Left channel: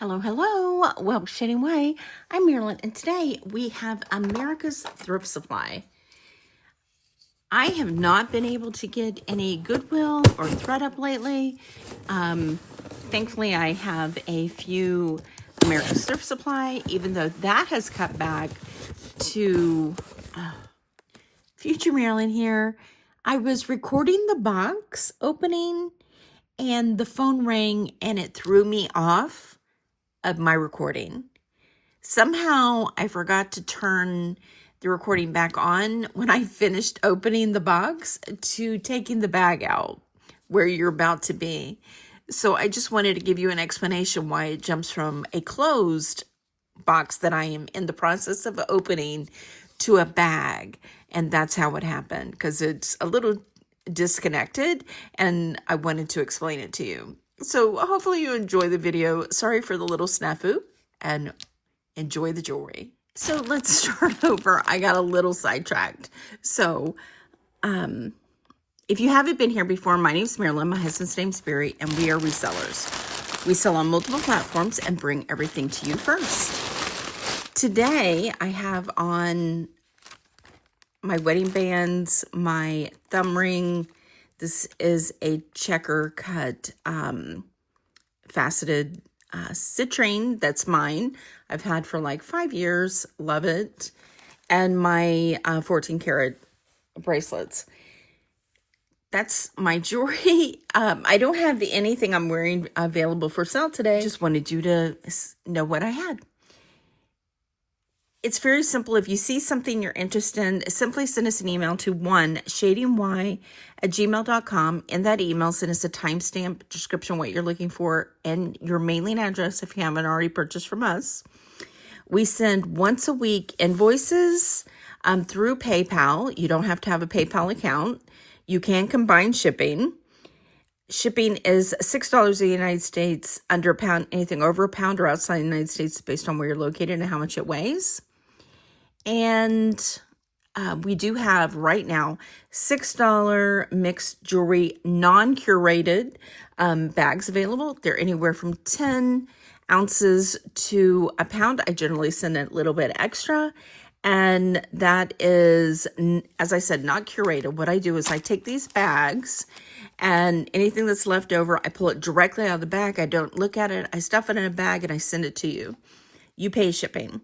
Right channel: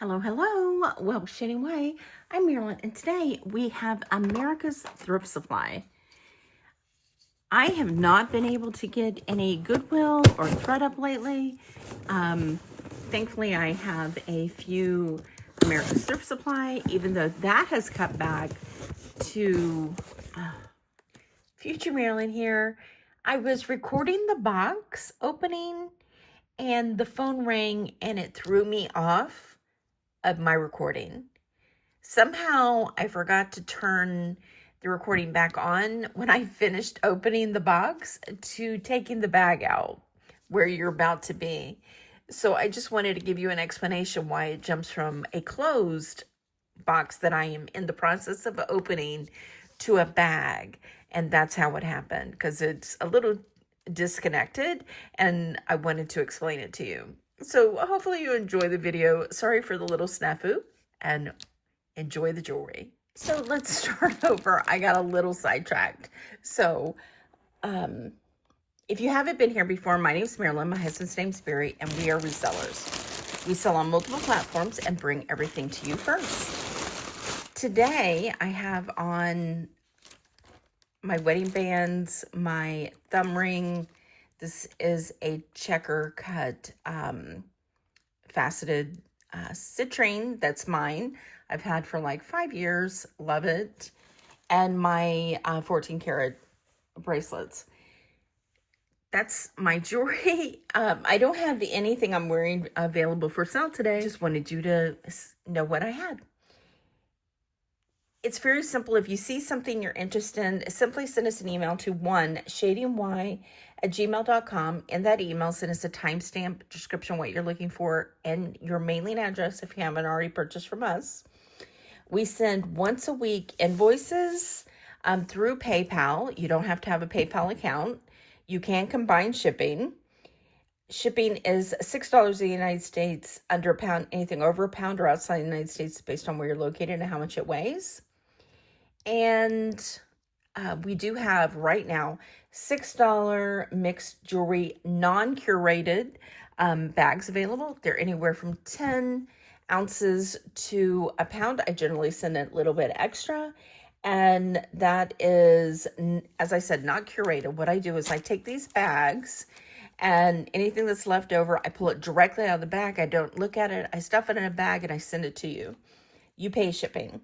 Hello, hello. Well, Shading Way. I'm Marilyn, and today we have America's Thrift Supply. I have not been able to get any Goodwill or ThredUp lately. Thankfully, I have a few America's Thrift Supply, even though that has cut back to Future Marilyn here. I was recording the box opening, and the phone rang, and it threw me off of my recording. Somehow I forgot to turn the recording back on when I finished opening the box to taking the bag out where you're about to be. So I just wanted to give you an explanation why it jumps from a closed box that I am in the process of opening to a bag. And that's how it happened, because it's a little disconnected and I wanted to explain it to you. So hopefully you enjoy the video. Sorry for the little snafu, and enjoy the jewelry. So let's start over. I got a little sidetracked. So if you haven't been here before, my name's Marilyn, my husband's name's Barry, and we are resellers. We sell on multiple platforms and bring everything to you first. Today I have on my wedding bands, my thumb ring. This is a checker cut faceted citrine. That's mine. I've had for like 5 years. Love it. And my 14 karat bracelets. That's my jewelry. I don't have anything I'm wearing available for sale today. Just wanted you to know what I had. It's very simple. If you see something you're interested in, simply send us an email to shadingY@gmail.com. In that email, send us a timestamp description, what you're looking for, and your mailing address if you haven't already purchased from us. We send once a week invoices through PayPal. You don't have to have a PayPal account. You can combine shipping. Shipping is $6 in the United States, under a pound, anything over a pound or outside the United States based on where you're located and how much it weighs. And we do have right now $6 mixed jewelry, non-curated bags available. They're anywhere from 10 ounces to a pound. I generally send a little bit extra. And that is, as I said, not curated. What I do is I take these bags, and anything that's left over, I pull it directly out of the bag. I don't look at it. I stuff it in a bag and I send it to you. You pay shipping.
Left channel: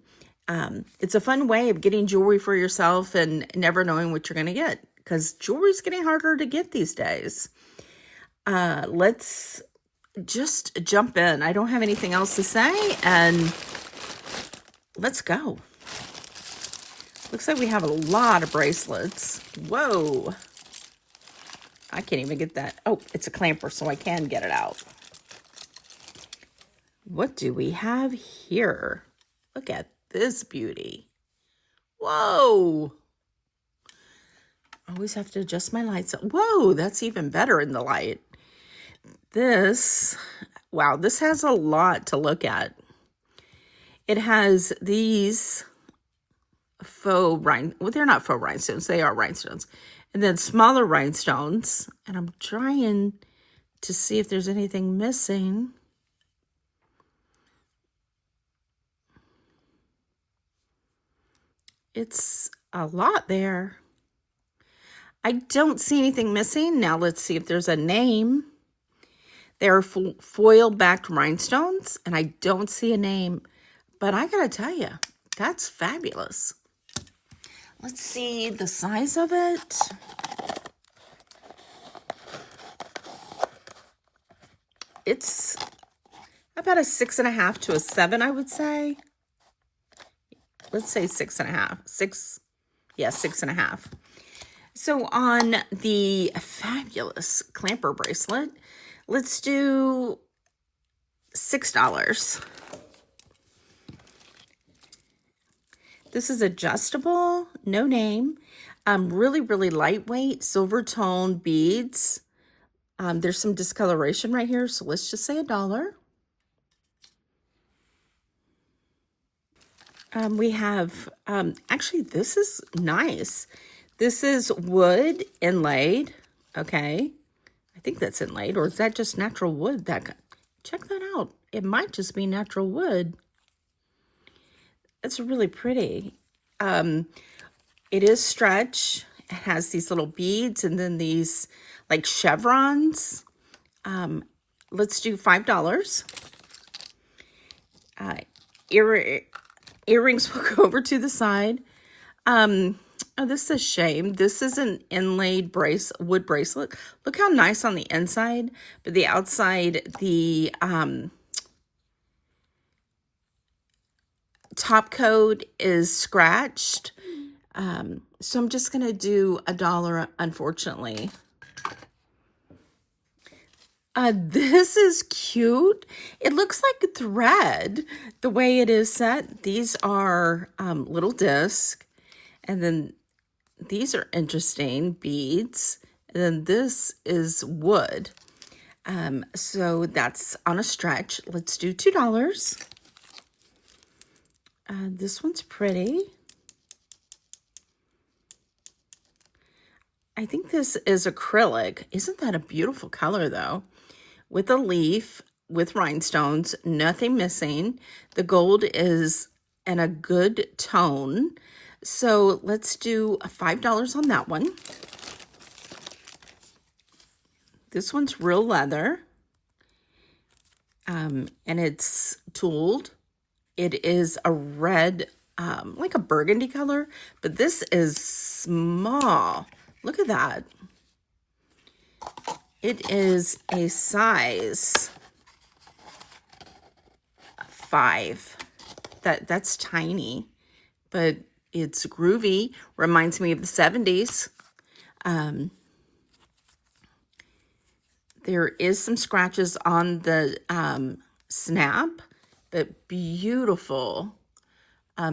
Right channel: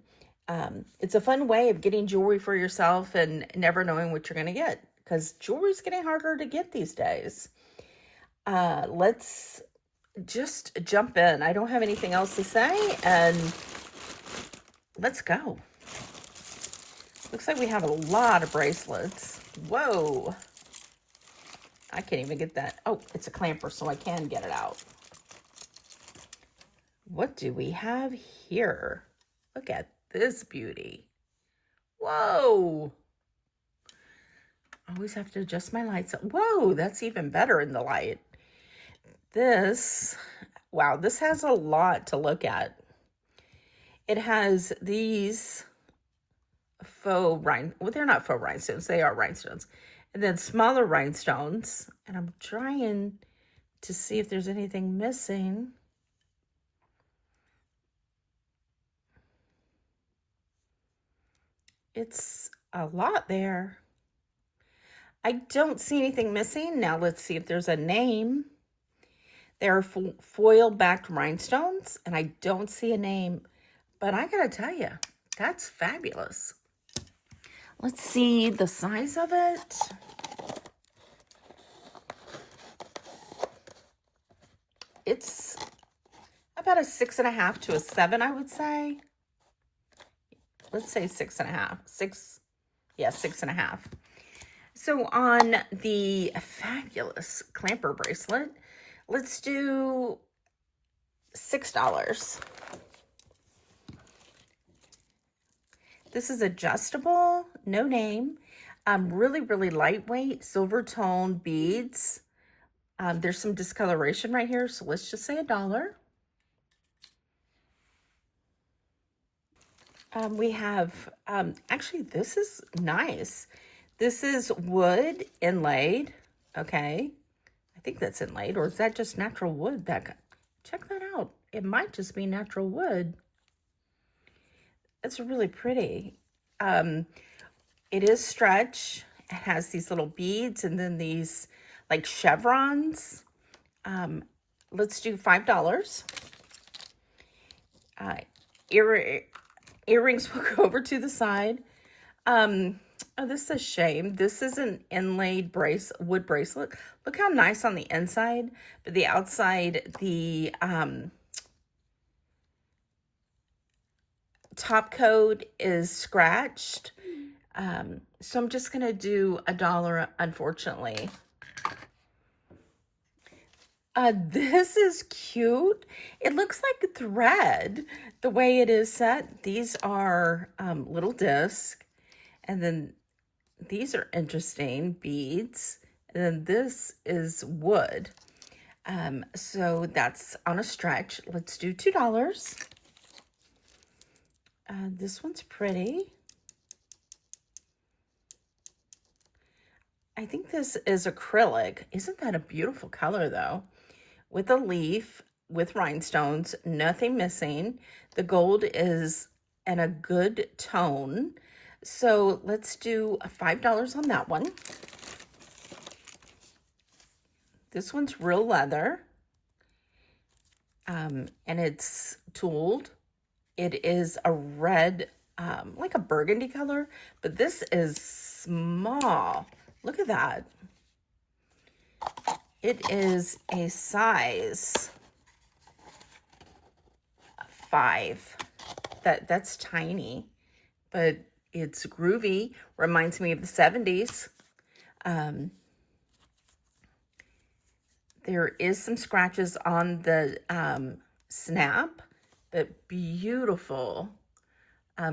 It's a fun way of getting jewelry for yourself and never knowing what you're going to get, because jewelry's getting harder to get these days. Let's just jump in. I don't have anything else to say, and let's go. Looks like we have a lot of bracelets. Whoa. I can't even get that. Oh, it's a clamper, so I can get it out. What do we have here? Look at this beauty. Whoa. Always have to adjust my lights. Whoa, that's even better in the light. This, wow, this has a lot to look at. It has these faux well, they're not faux rhinestones. They are rhinestones. And then smaller rhinestones. And I'm trying to see if there's anything missing. It's a lot there. I don't see anything missing. Now let's see if there's a name. They are foil-backed rhinestones, and I don't see a name. But I gotta tell you, that's fabulous. Let's see the size of it. It's about a 6.5 to a 7, I would say. Let's say 6.5. 6.5. So on the fabulous clamper bracelet, let's do $6. This is adjustable, no name, really, really lightweight, silver tone beads. There's some discoloration right here, so let's just say $1. We have, actually, this is nice. This is wood inlaid, okay. I think that's inlaid, or is that just natural wood? Check that out. it might just be natural wood. It's really pretty. It is stretch. It has these little beads and then these like chevrons. Let's do $5. Earrings will go over to the side. Oh, this is a shame. This is an inlaid wood bracelet. Look how nice on the inside, but the outside, the top coat is scratched. So I'm just gonna do $1, unfortunately. This is cute. It looks like a thread, the way it is set. These are little discs, and then these are interesting beads, and then this is wood. So that's on a stretch. Let's do $2. This one's pretty. I think this is acrylic. Isn't that a beautiful color, though? With a leaf, with rhinestones, nothing missing. The gold is in a good tone. So let's do $5 on that one. This one's real leather. And it's tooled. It is a red, like a burgundy color, but this is small. Look at that. It is a size 5. That's tiny, but it's groovy. Reminds me of the 70s. There is some scratches on the snap, but beautiful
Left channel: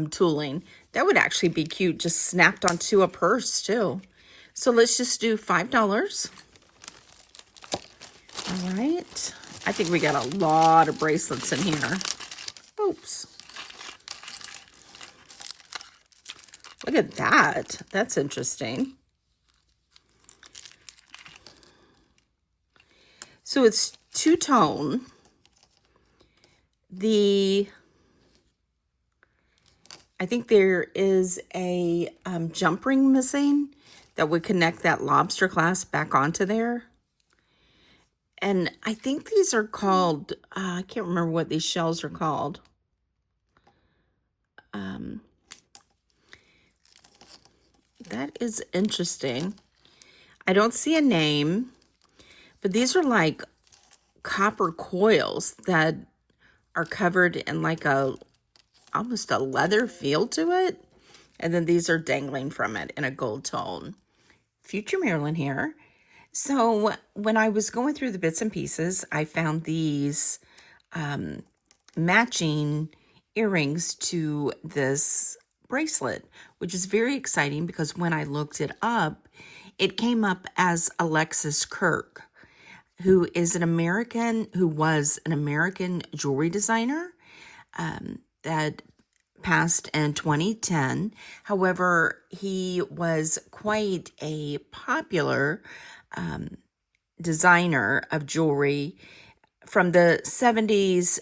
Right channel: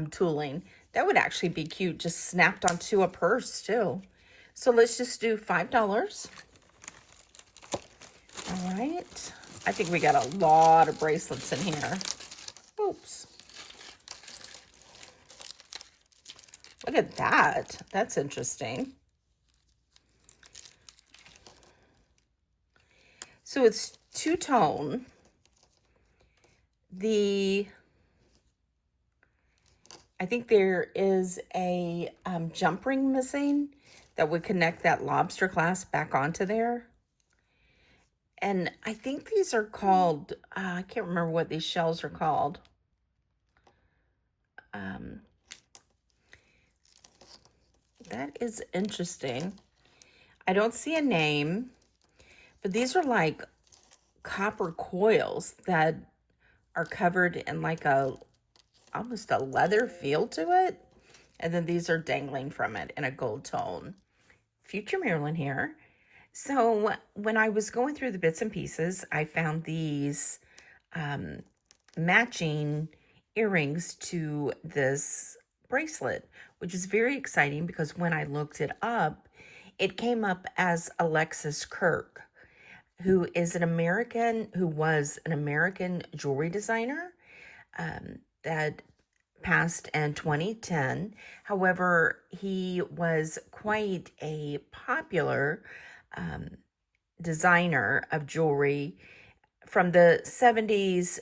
tooling. That would actually be cute, just snapped onto a purse too. So let's just do $5. All right. I think we got a lot of bracelets in here. Oops. Look at that. That's interesting. So it's two-tone. I think there is a jump ring missing that would connect that lobster clasp back onto there. And I think these are called, I can't remember what these shells are called. That is interesting. I don't see a name, but these are like copper coils that are covered in like almost a leather feel to it. And then these are dangling from it in a gold tone. Future Marilyn here. So when I was going through the bits and pieces, I found these matching earrings to this bracelet, which is very exciting because when I looked it up, it came up as Alexis Kirk, who was an American jewelry designer that passed in 2010. However, he was quite a popular designer of jewelry from the 70s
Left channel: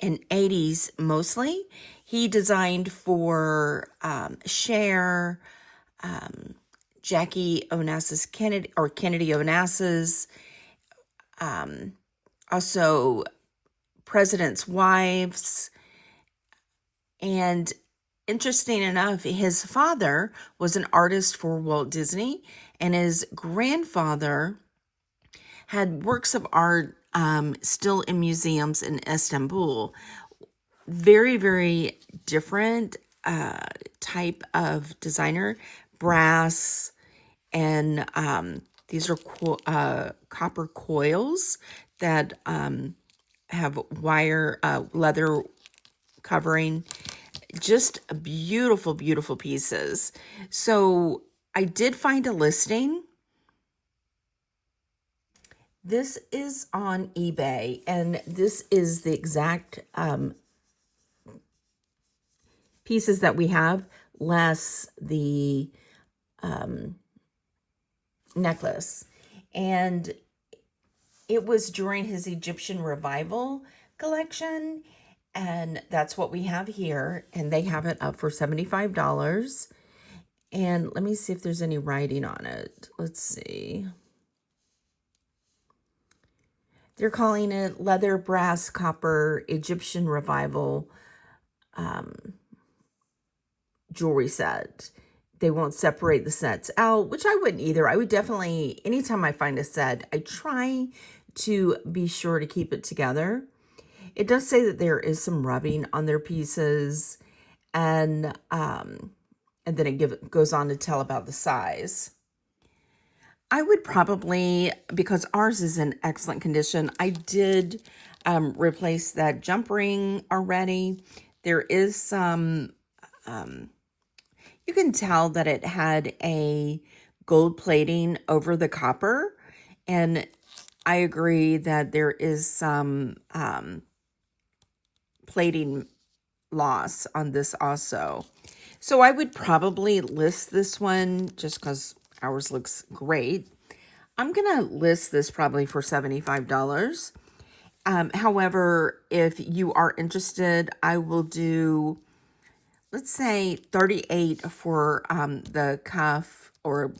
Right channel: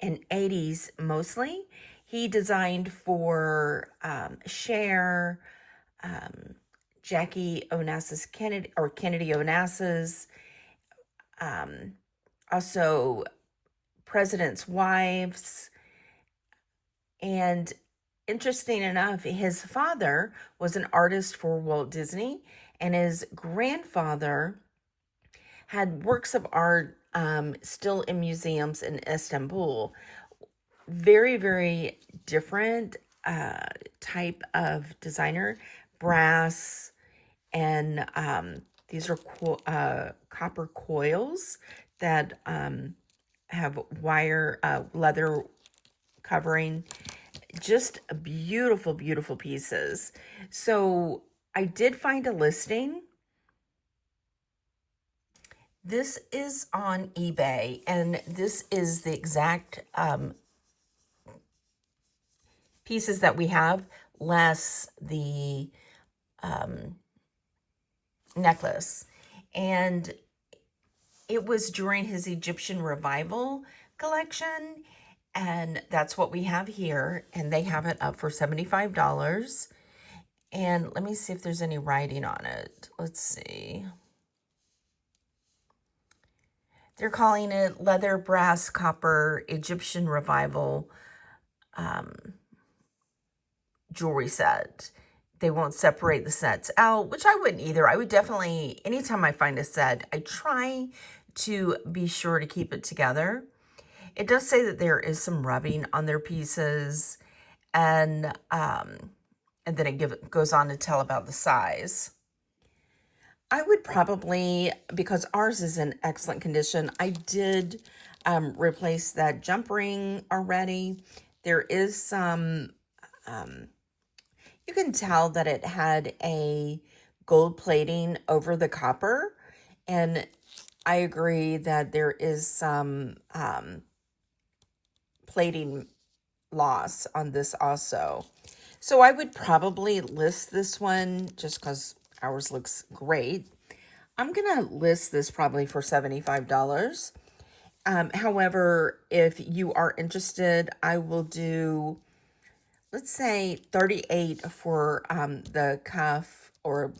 and 80s mostly. He designed for Cher, Jackie Onassis Kennedy, or Kennedy Onassis, also presidents' wives. And interesting enough, his father was an artist for Walt Disney, and his grandfather had works of art still in museums in Istanbul. Very, very different type of designer. Brass, and these are copper coils that have wire leather covering. Just beautiful, beautiful pieces. So I did find a listing. This is on eBay, and this is the exact pieces that we have, less the necklace. And it was during his Egyptian revival collection. And that's what we have here. And they have it up for $75. And let me see if there's any writing on it. Let's see. They're calling it Leather, Brass, Copper, Egyptian Revival jewelry set. They won't separate the sets out, which I wouldn't either. I would definitely, anytime I find a set, I try to be sure to keep it together. It does say that there is some rubbing on their pieces, and then it goes on to tell about the size. I would probably, because ours is in excellent condition, I did replace that jump ring already. There is some, you can tell that it had a gold plating over the copper, and I agree that there is some plating loss on this also. So I would probably list this one just because ours looks great. I'm going to list this probably for $75. However, if you are interested, I will do, let's say, $38 for the cuff or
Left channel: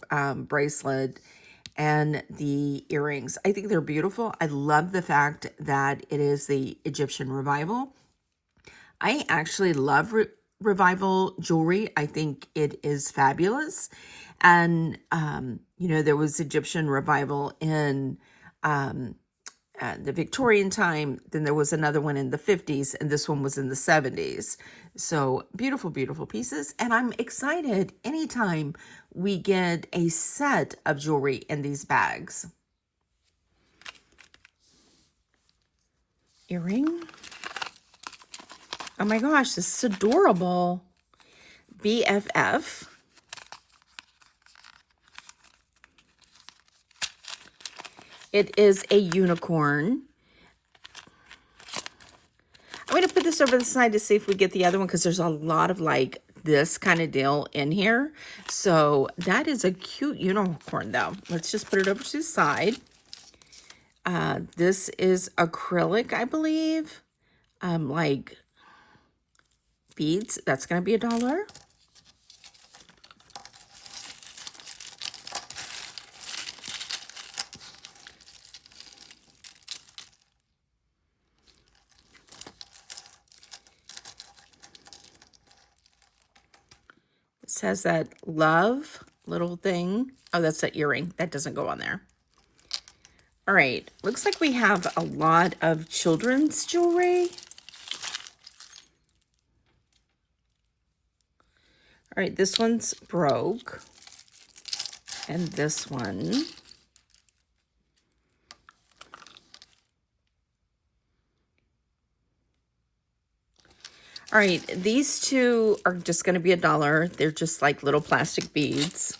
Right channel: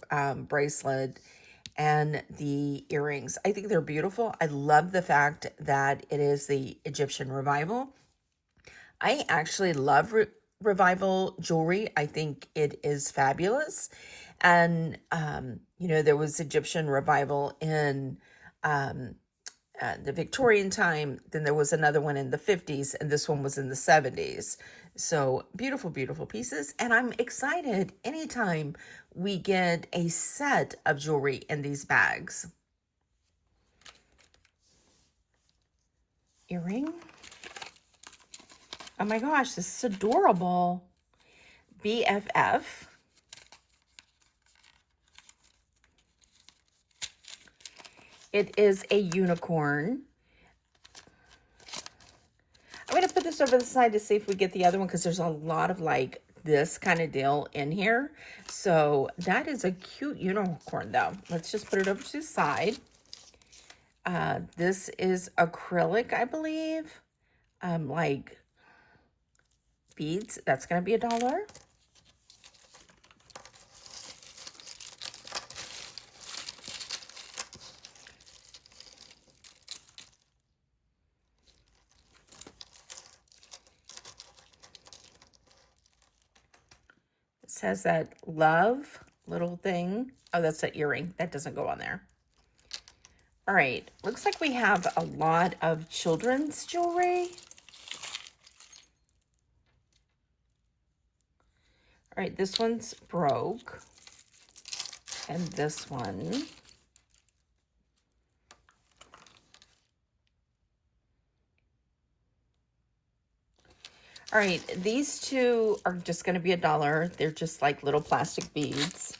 bracelet and the earrings. I think they're beautiful. I love the fact that it is the Egyptian Revival. I actually love Revival jewelry. I think it is fabulous. And, you know, there was Egyptian Revival in the Victorian time. Then there was another one in the 50s, and this one was in the 70s. So beautiful, beautiful pieces. And I'm excited anytime we get a set of jewelry in these bags. Earring. Oh my gosh, this is adorable. BFF. It is a unicorn. I'm going to put this over the side to see if we get the other one, because there's a lot of like this kind of deal in here. So that is a cute unicorn though. Let's just put it over to the side. This is acrylic, I believe. Like beads. That's going to be $1. It says that love little thing. Oh, that's that earring. That doesn't go on there. All right. Looks like we have a lot of children's jewelry. All right, this one's broke. And this one. All right, these two are just going to be $1. They're just like little plastic beads.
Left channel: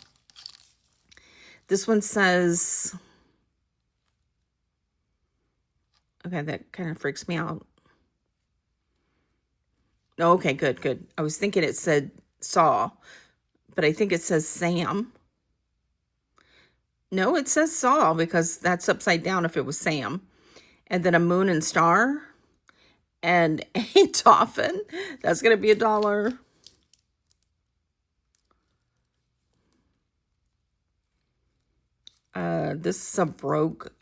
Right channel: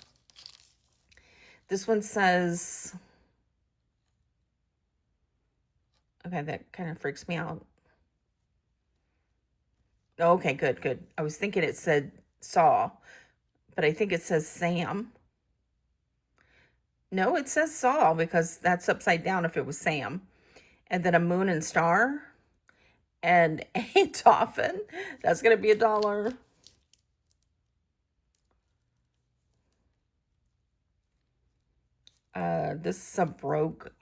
This one says, okay, that kind of freaks me out. Oh, okay, good, good. I was thinking it said saw, but I think it says Sam. No, it says saw because that's upside down if it was Sam. And then a moon and star and a dolphin. That's going to be $1. This is a broke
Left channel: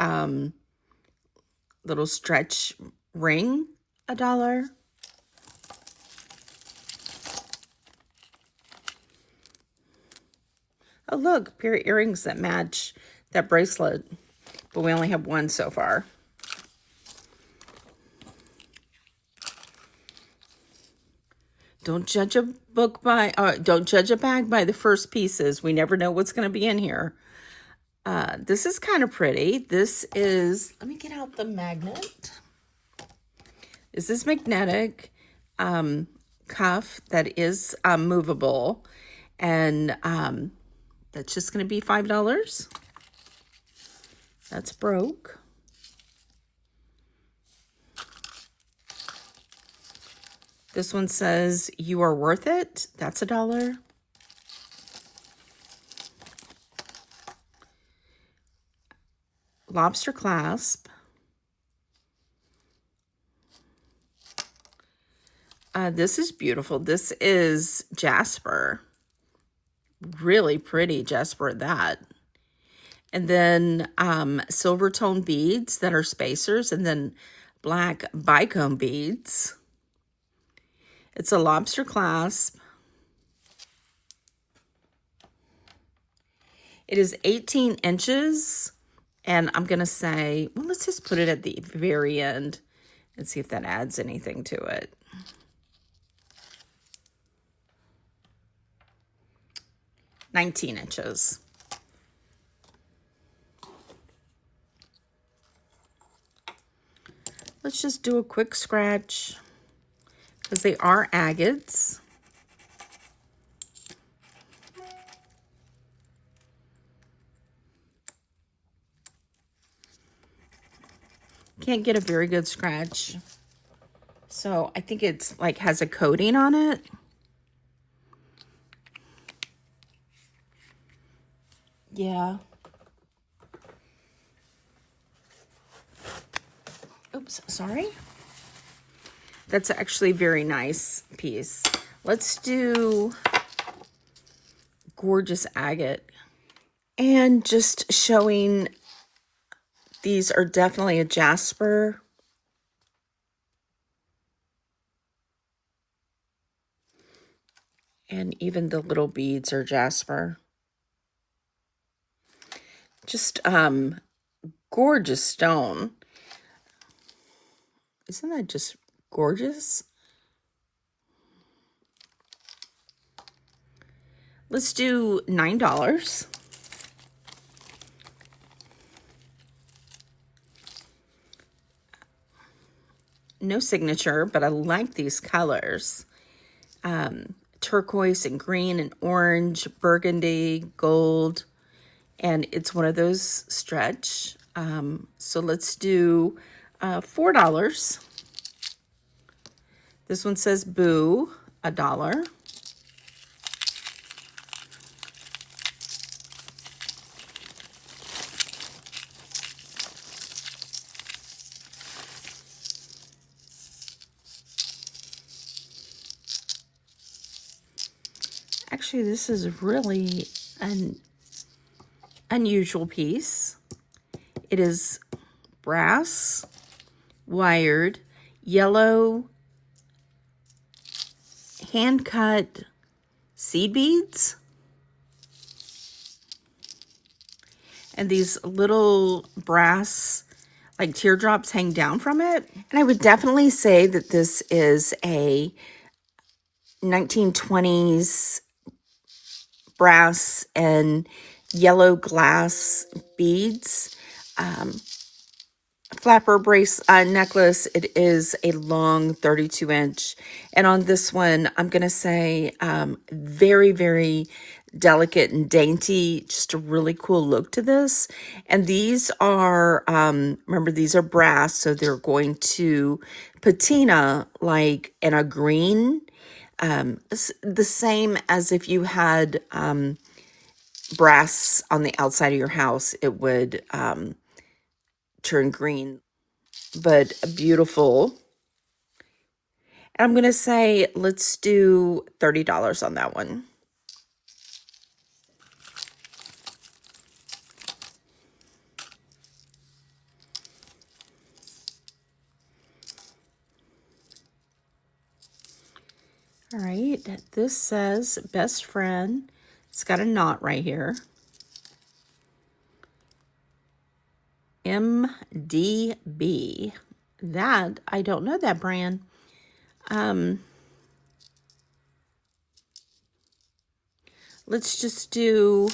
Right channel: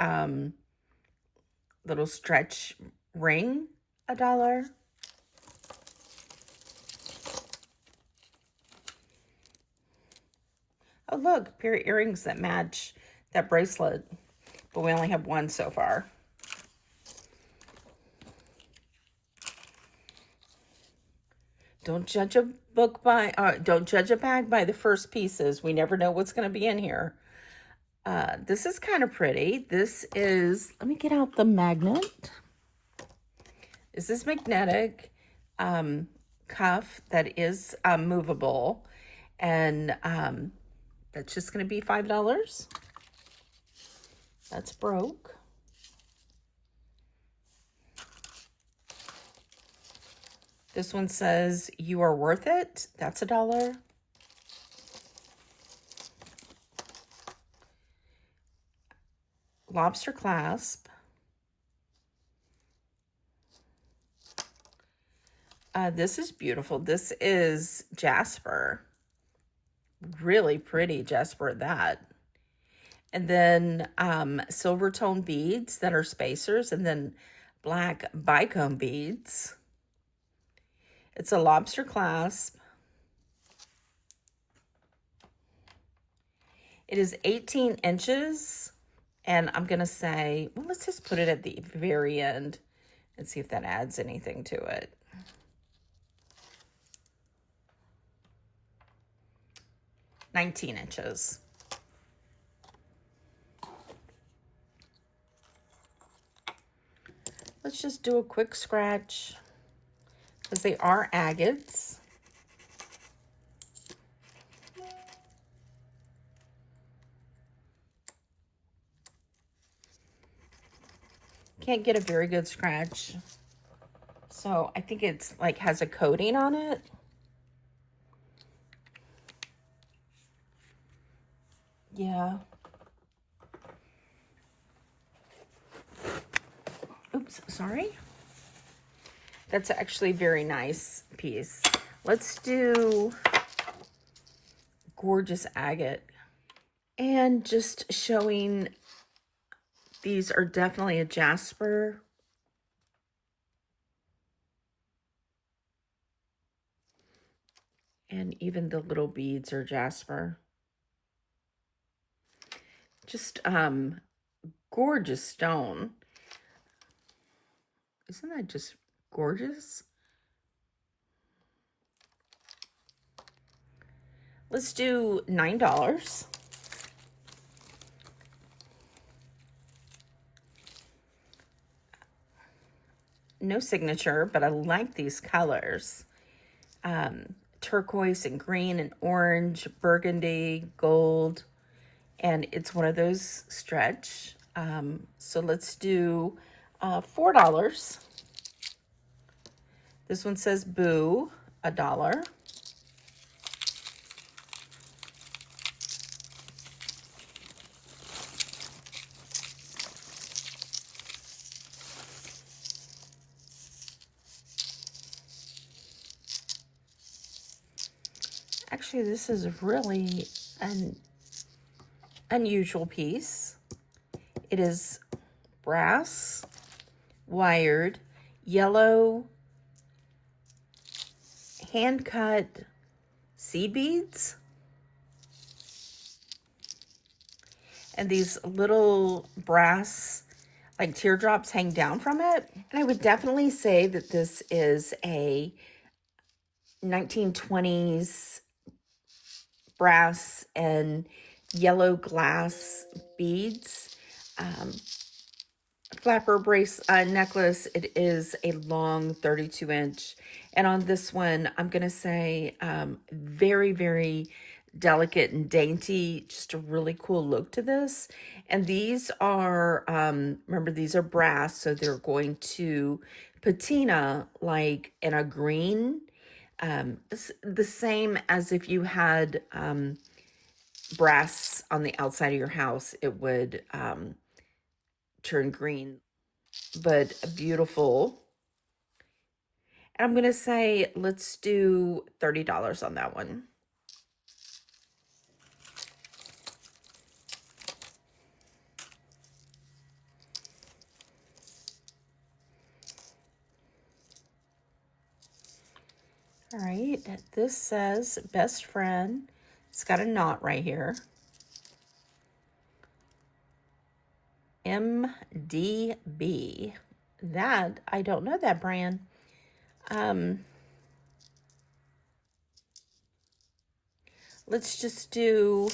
little stretch ring, $1. Oh, look, a pair of earrings that match that bracelet, but we only have one so far. Don't judge a book by, don't judge a bag by the first pieces. We never know what's going to be in here. This is kind of pretty. This is, let me get out the magnet. This is magnetic cuff that is movable, and that's just going to be $5. That's broke. This one says, "You are worth it." That's $1. Lobster clasp. This is beautiful. This is Jasper. Really pretty Jasper at that. And then silver tone beads that are spacers, and then black bicone beads. It's a lobster clasp. It is 18 inches, and I'm going to say, well, let's just put it at the very end and see if that adds anything to it. "19 inches. Let's just do a quick scratch because they are agates. Can't get a very good scratch. So I think it's like has a coating on it. Yeah. Oops, sorry. That's actually a very nice piece. Let's do gorgeous agate. And just showing, these are definitely a Jasper. And even the little beads are Jasper. Just gorgeous stone. Isn't that just gorgeous? Let's do $9. No signature, but I like these colors. Turquoise and green and orange, burgundy, gold. And it's one of those stretch. So let's do $4. This one says boo, $1. Actually, this is really an unusual piece. It is brass, wired, yellow, hand-cut seed beads. And these little brass, like teardrops hang down from it. And I would definitely say that this is a 1920s brass and yellow glass beads. Flapper necklace. It is a long 32-inch. And on this one, I'm going to say very, very delicate and dainty. Just a really cool look to this. And these are, remember, these are brass, so they're going to patina like in a green. The same as if you had brass on the outside of your house, it would turn green, but beautiful. And I'm going to say, let's do $30 on that one. All right, this says best friend. It's got a knot right here. MDB. That, I don't know that brand. Let's just do,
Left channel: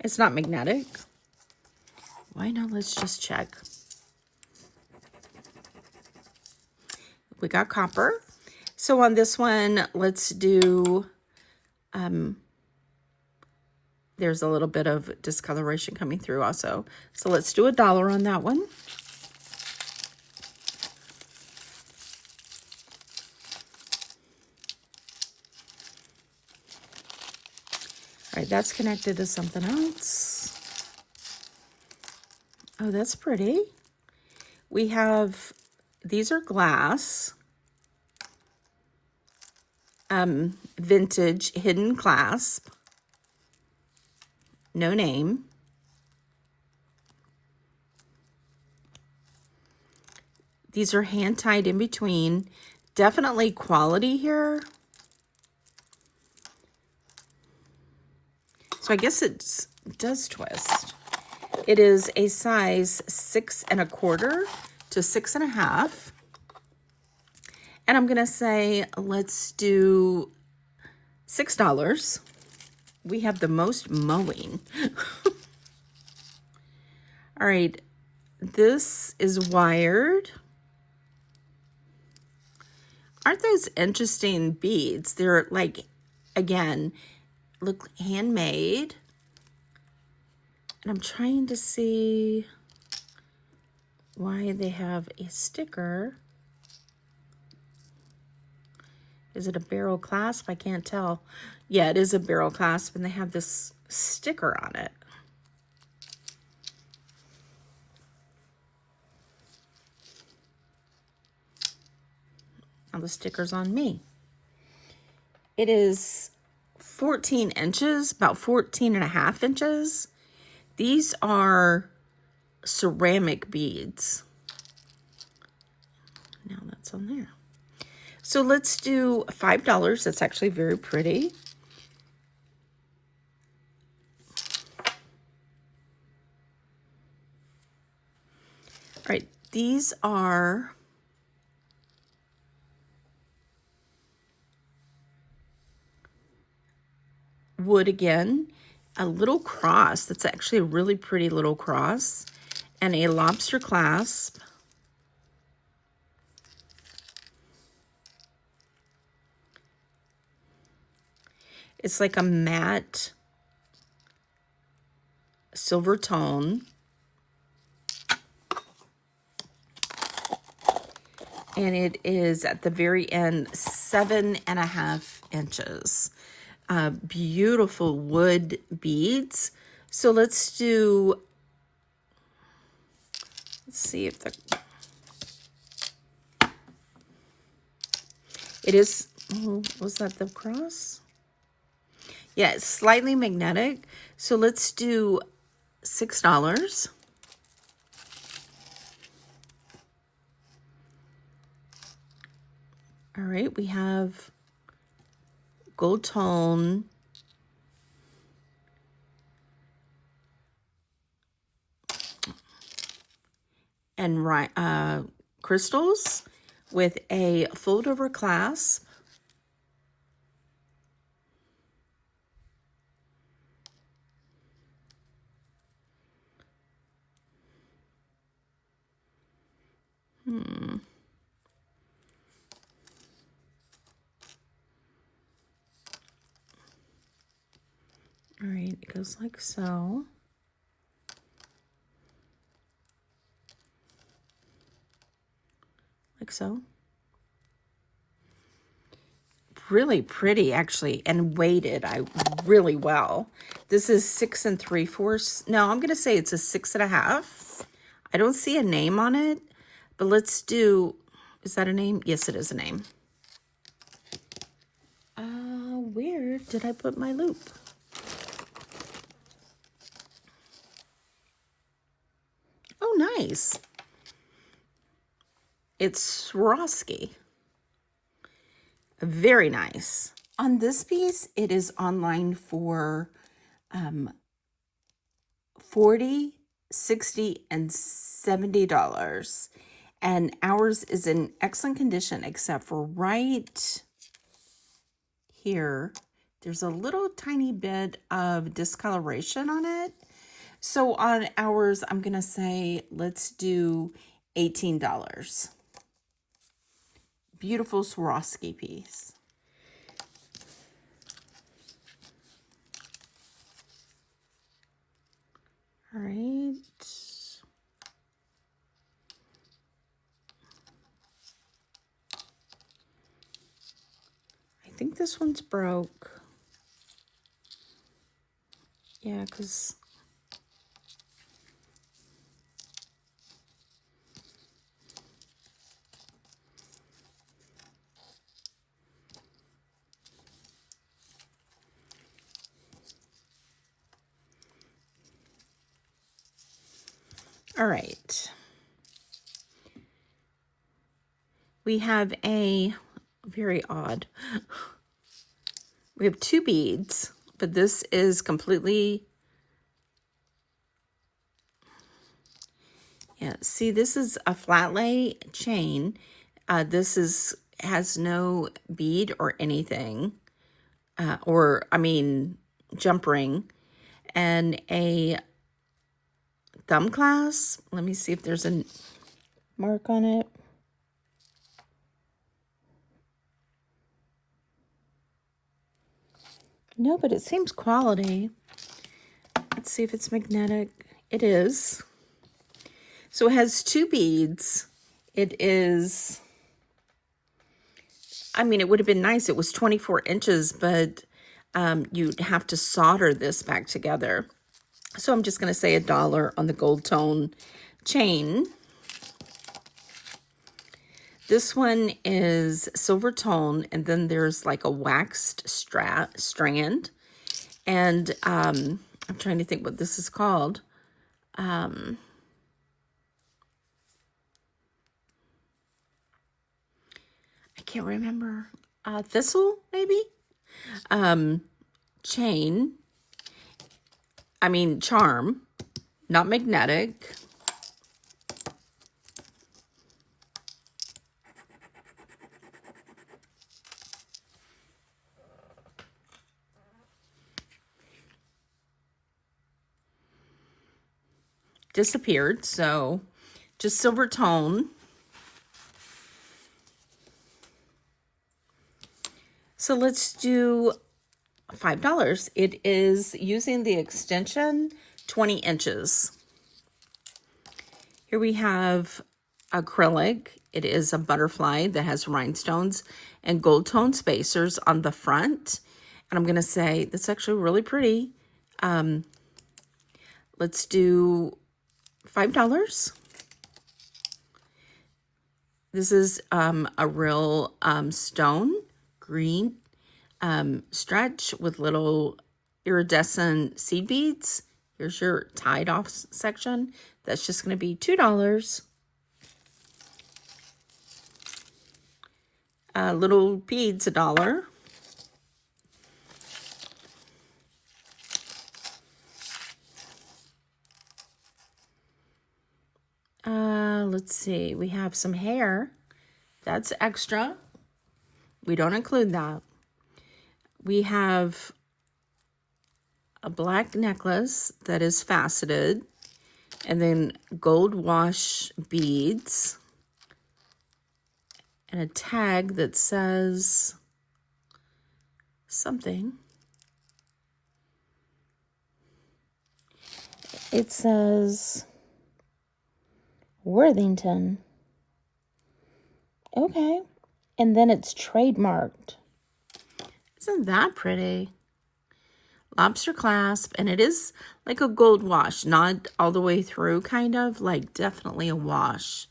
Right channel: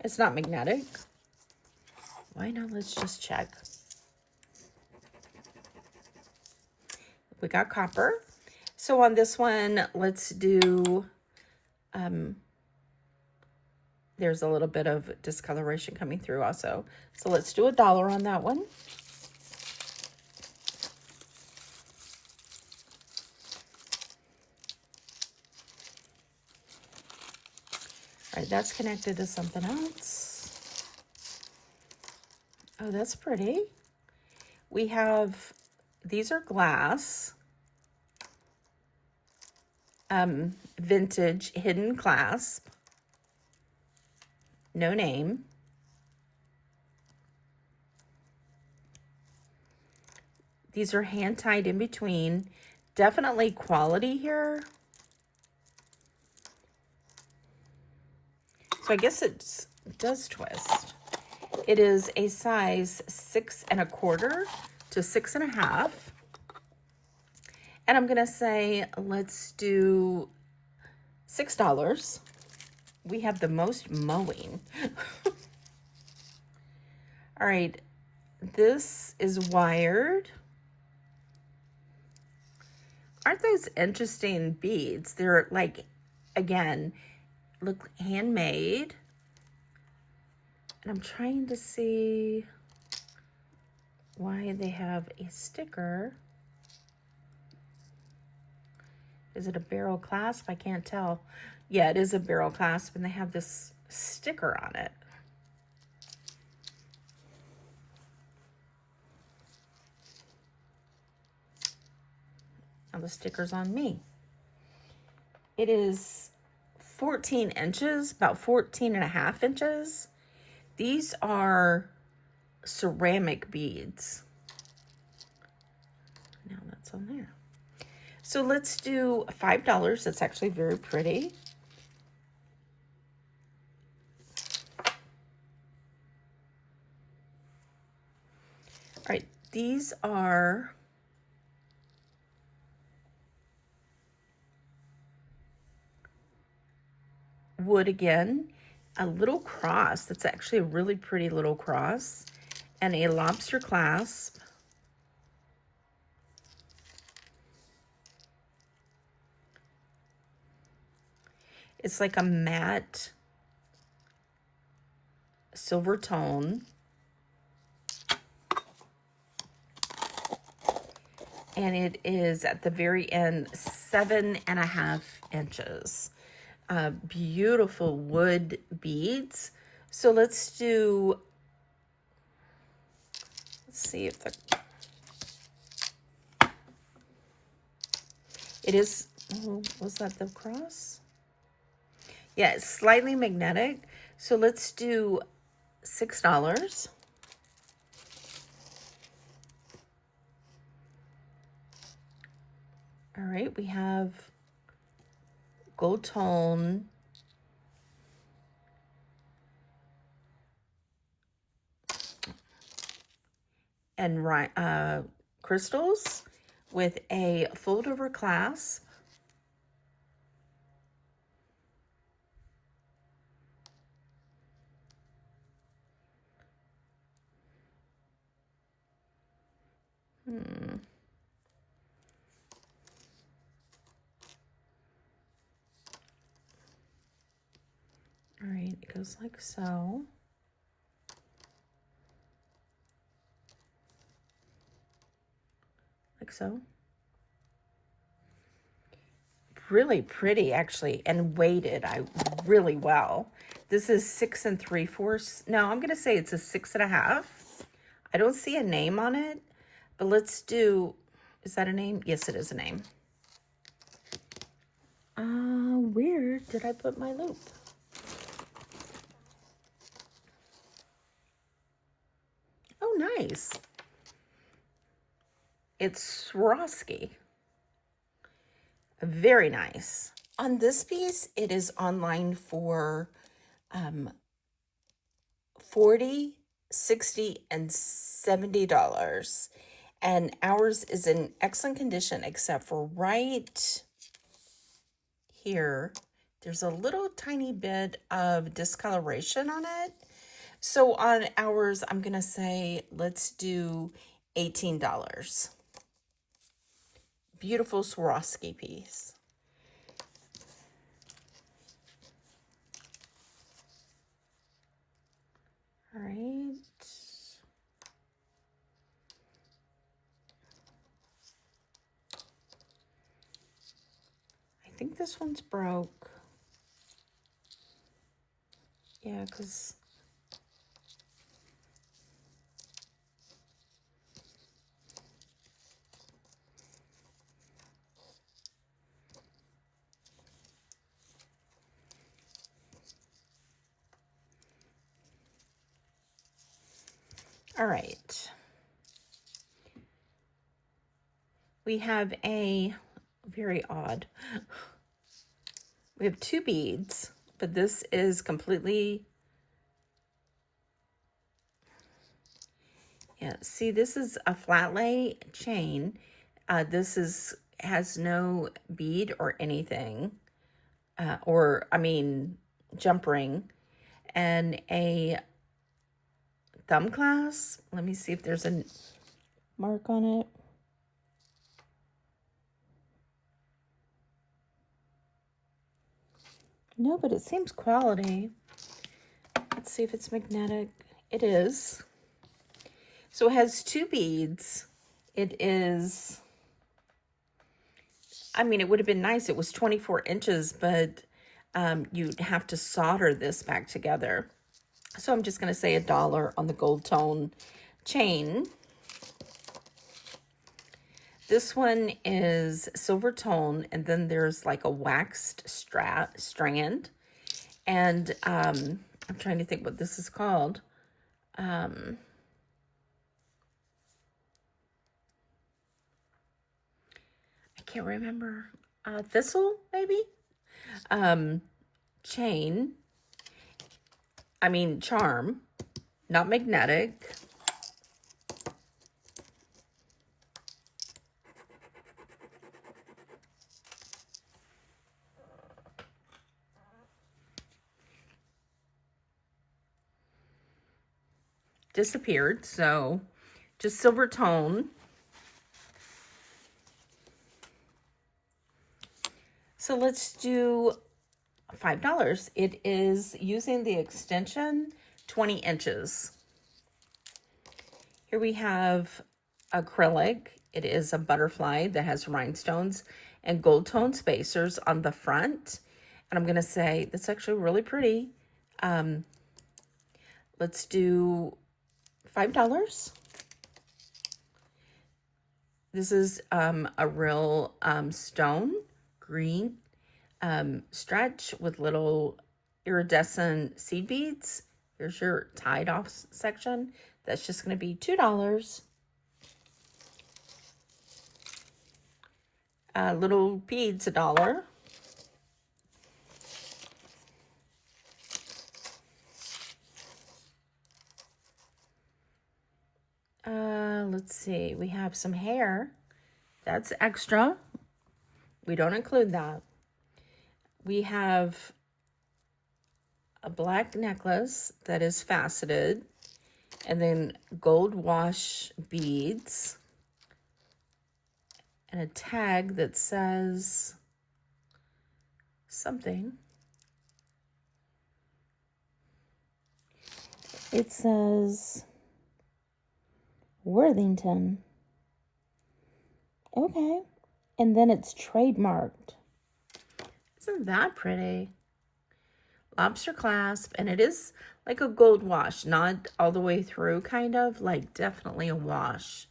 it's not magnetic. Why not? Let's just check. We got copper. So on this one, let's do, there's a little bit of discoloration coming through also. So let's do $1 on that one. All right, that's connected to something else. Oh, that's pretty. We have these are glass, vintage hidden clasp, no name. These are hand tied in between. Definitely quality here. So I guess it does twist. It is a size 6 1/4 to 6 1/2. And I'm going to say, let's do $6. We have the most mowing. All right. This is wired. Aren't those interesting beads? They're like, again, look handmade. And I'm trying to see why they have a sticker. Is it a barrel clasp? I can't tell. Yeah, it is a barrel clasp, and they have this sticker on it. Now the sticker's on me. It is 14 inches, about 14 1/2 inches. These are ceramic beads. Now that's on there. So let's do $5. That's actually very pretty. All right, these are wood again. A little cross. That's actually a really pretty little cross. And a lobster clasp. It's like a matte silver tone. And it is at the very end 7 1/2 inches. Beautiful wood beads. So let's see if it is, was that the cross? Yeah, it's slightly magnetic. So let's do $6. All right, we have gold tone and crystals with a fold over clasp. All right, it goes like so. Like so. Really pretty, actually, and weighted really well. This is 6 3/4. No, I'm going to say it's a 6 1/2. I don't see a name on it, but let's do, is that a name? Yes, it is a name. Where did I put my loop? Oh, nice. It's Swarovski. Very nice. On this piece, it is online for $40, $60, and $70. And ours is in excellent condition, except for right here, there's a little tiny bit of discoloration on it. So on ours, I'm going to say, let's do $18. Beautiful Swarovski piece. All right. I think this one's broke. Yeah, because All right. We have a very odd. We have 2 beads, but this is completely, yeah, see, this is a flat lay chain. This has no bead or anything, jump ring, and a thumb clasp. Let me see if there's a mark on it. No, but it seems quality. Let's see if it's magnetic. It is. So it has 2 beads. It is, I mean, it would have been nice. It was 24 inches, but you'd have to solder this back together. So I'm just going to say $1 on the gold tone chain. This one is silver tone, and then there's like a waxed strand. And I'm trying to think what this is called. I can't remember. Thistle, maybe? Charm, not magnetic. Disappeared, so just silver tone. So let's do $5. It is using the extension 20 inches. Here we have acrylic. It is a butterfly that has rhinestones and gold tone spacers on the front. And I'm going to say that's actually really pretty. Let's do $5. This is a real stone green stretch with little iridescent seed beads. Here's your tied off section. That's just going to be $2. Little beads, $1. Let's see, we have some hair. That's extra. We don't include that. We have a black necklace that is faceted, and then gold wash beads, and a tag that says something. It says Worthington. Okay. And then it's trademarked. Isn't that pretty? Lobster clasp, and it is like a gold wash, not all the way through, kind of, like definitely a wash.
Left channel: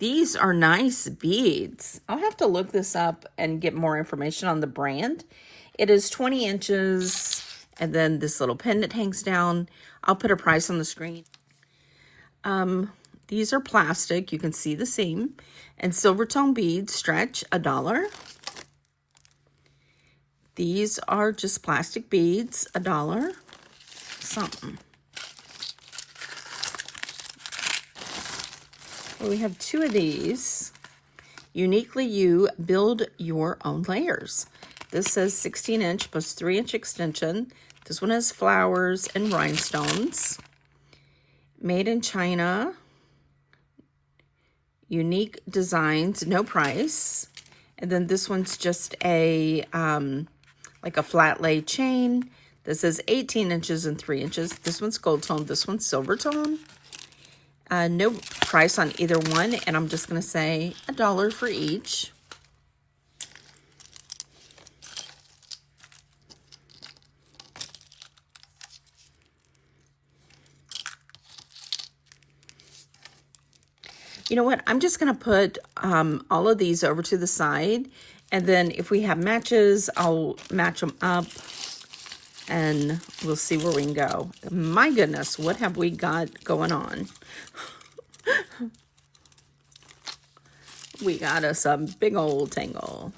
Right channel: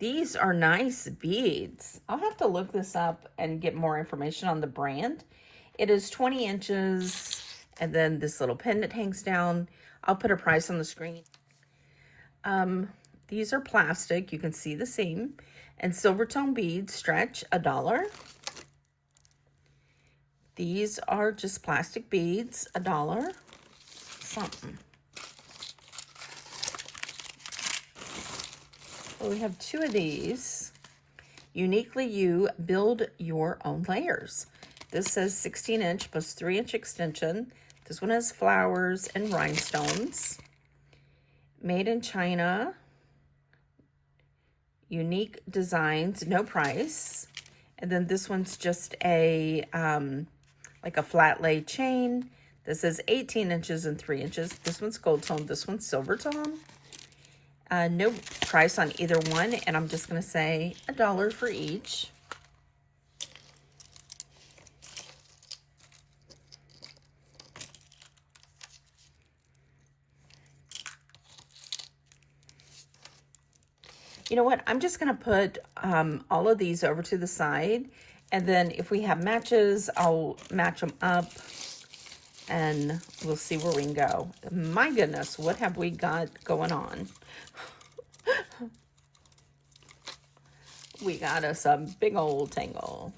These are nice beads. I'll have to look this up and get more information on the brand. It is 20 inches, and then this little pendant hangs down. I'll put a price on the screen. These are plastic. You can see the seam. And silver tone beads, stretch, $1. These are just plastic beads, $1. Something. Well, we have 2 of these. Uniquely You Build Your Own Layers. This says 16-inch plus 3-inch extension. This one has flowers and rhinestones. Made in China. Unique designs, no price. And then this one's just a like a flat lay chain. This is 18 inches and 3 inches. This one's gold tone, this one's silver tone. No price on either one, and I'm just gonna say $1 for each. You know what? I'm just going to put all of these over to the side. And then if we have matches, I'll match them up. And we'll see where we can go. My goodness, what have we got going on? We got us a big old tangle.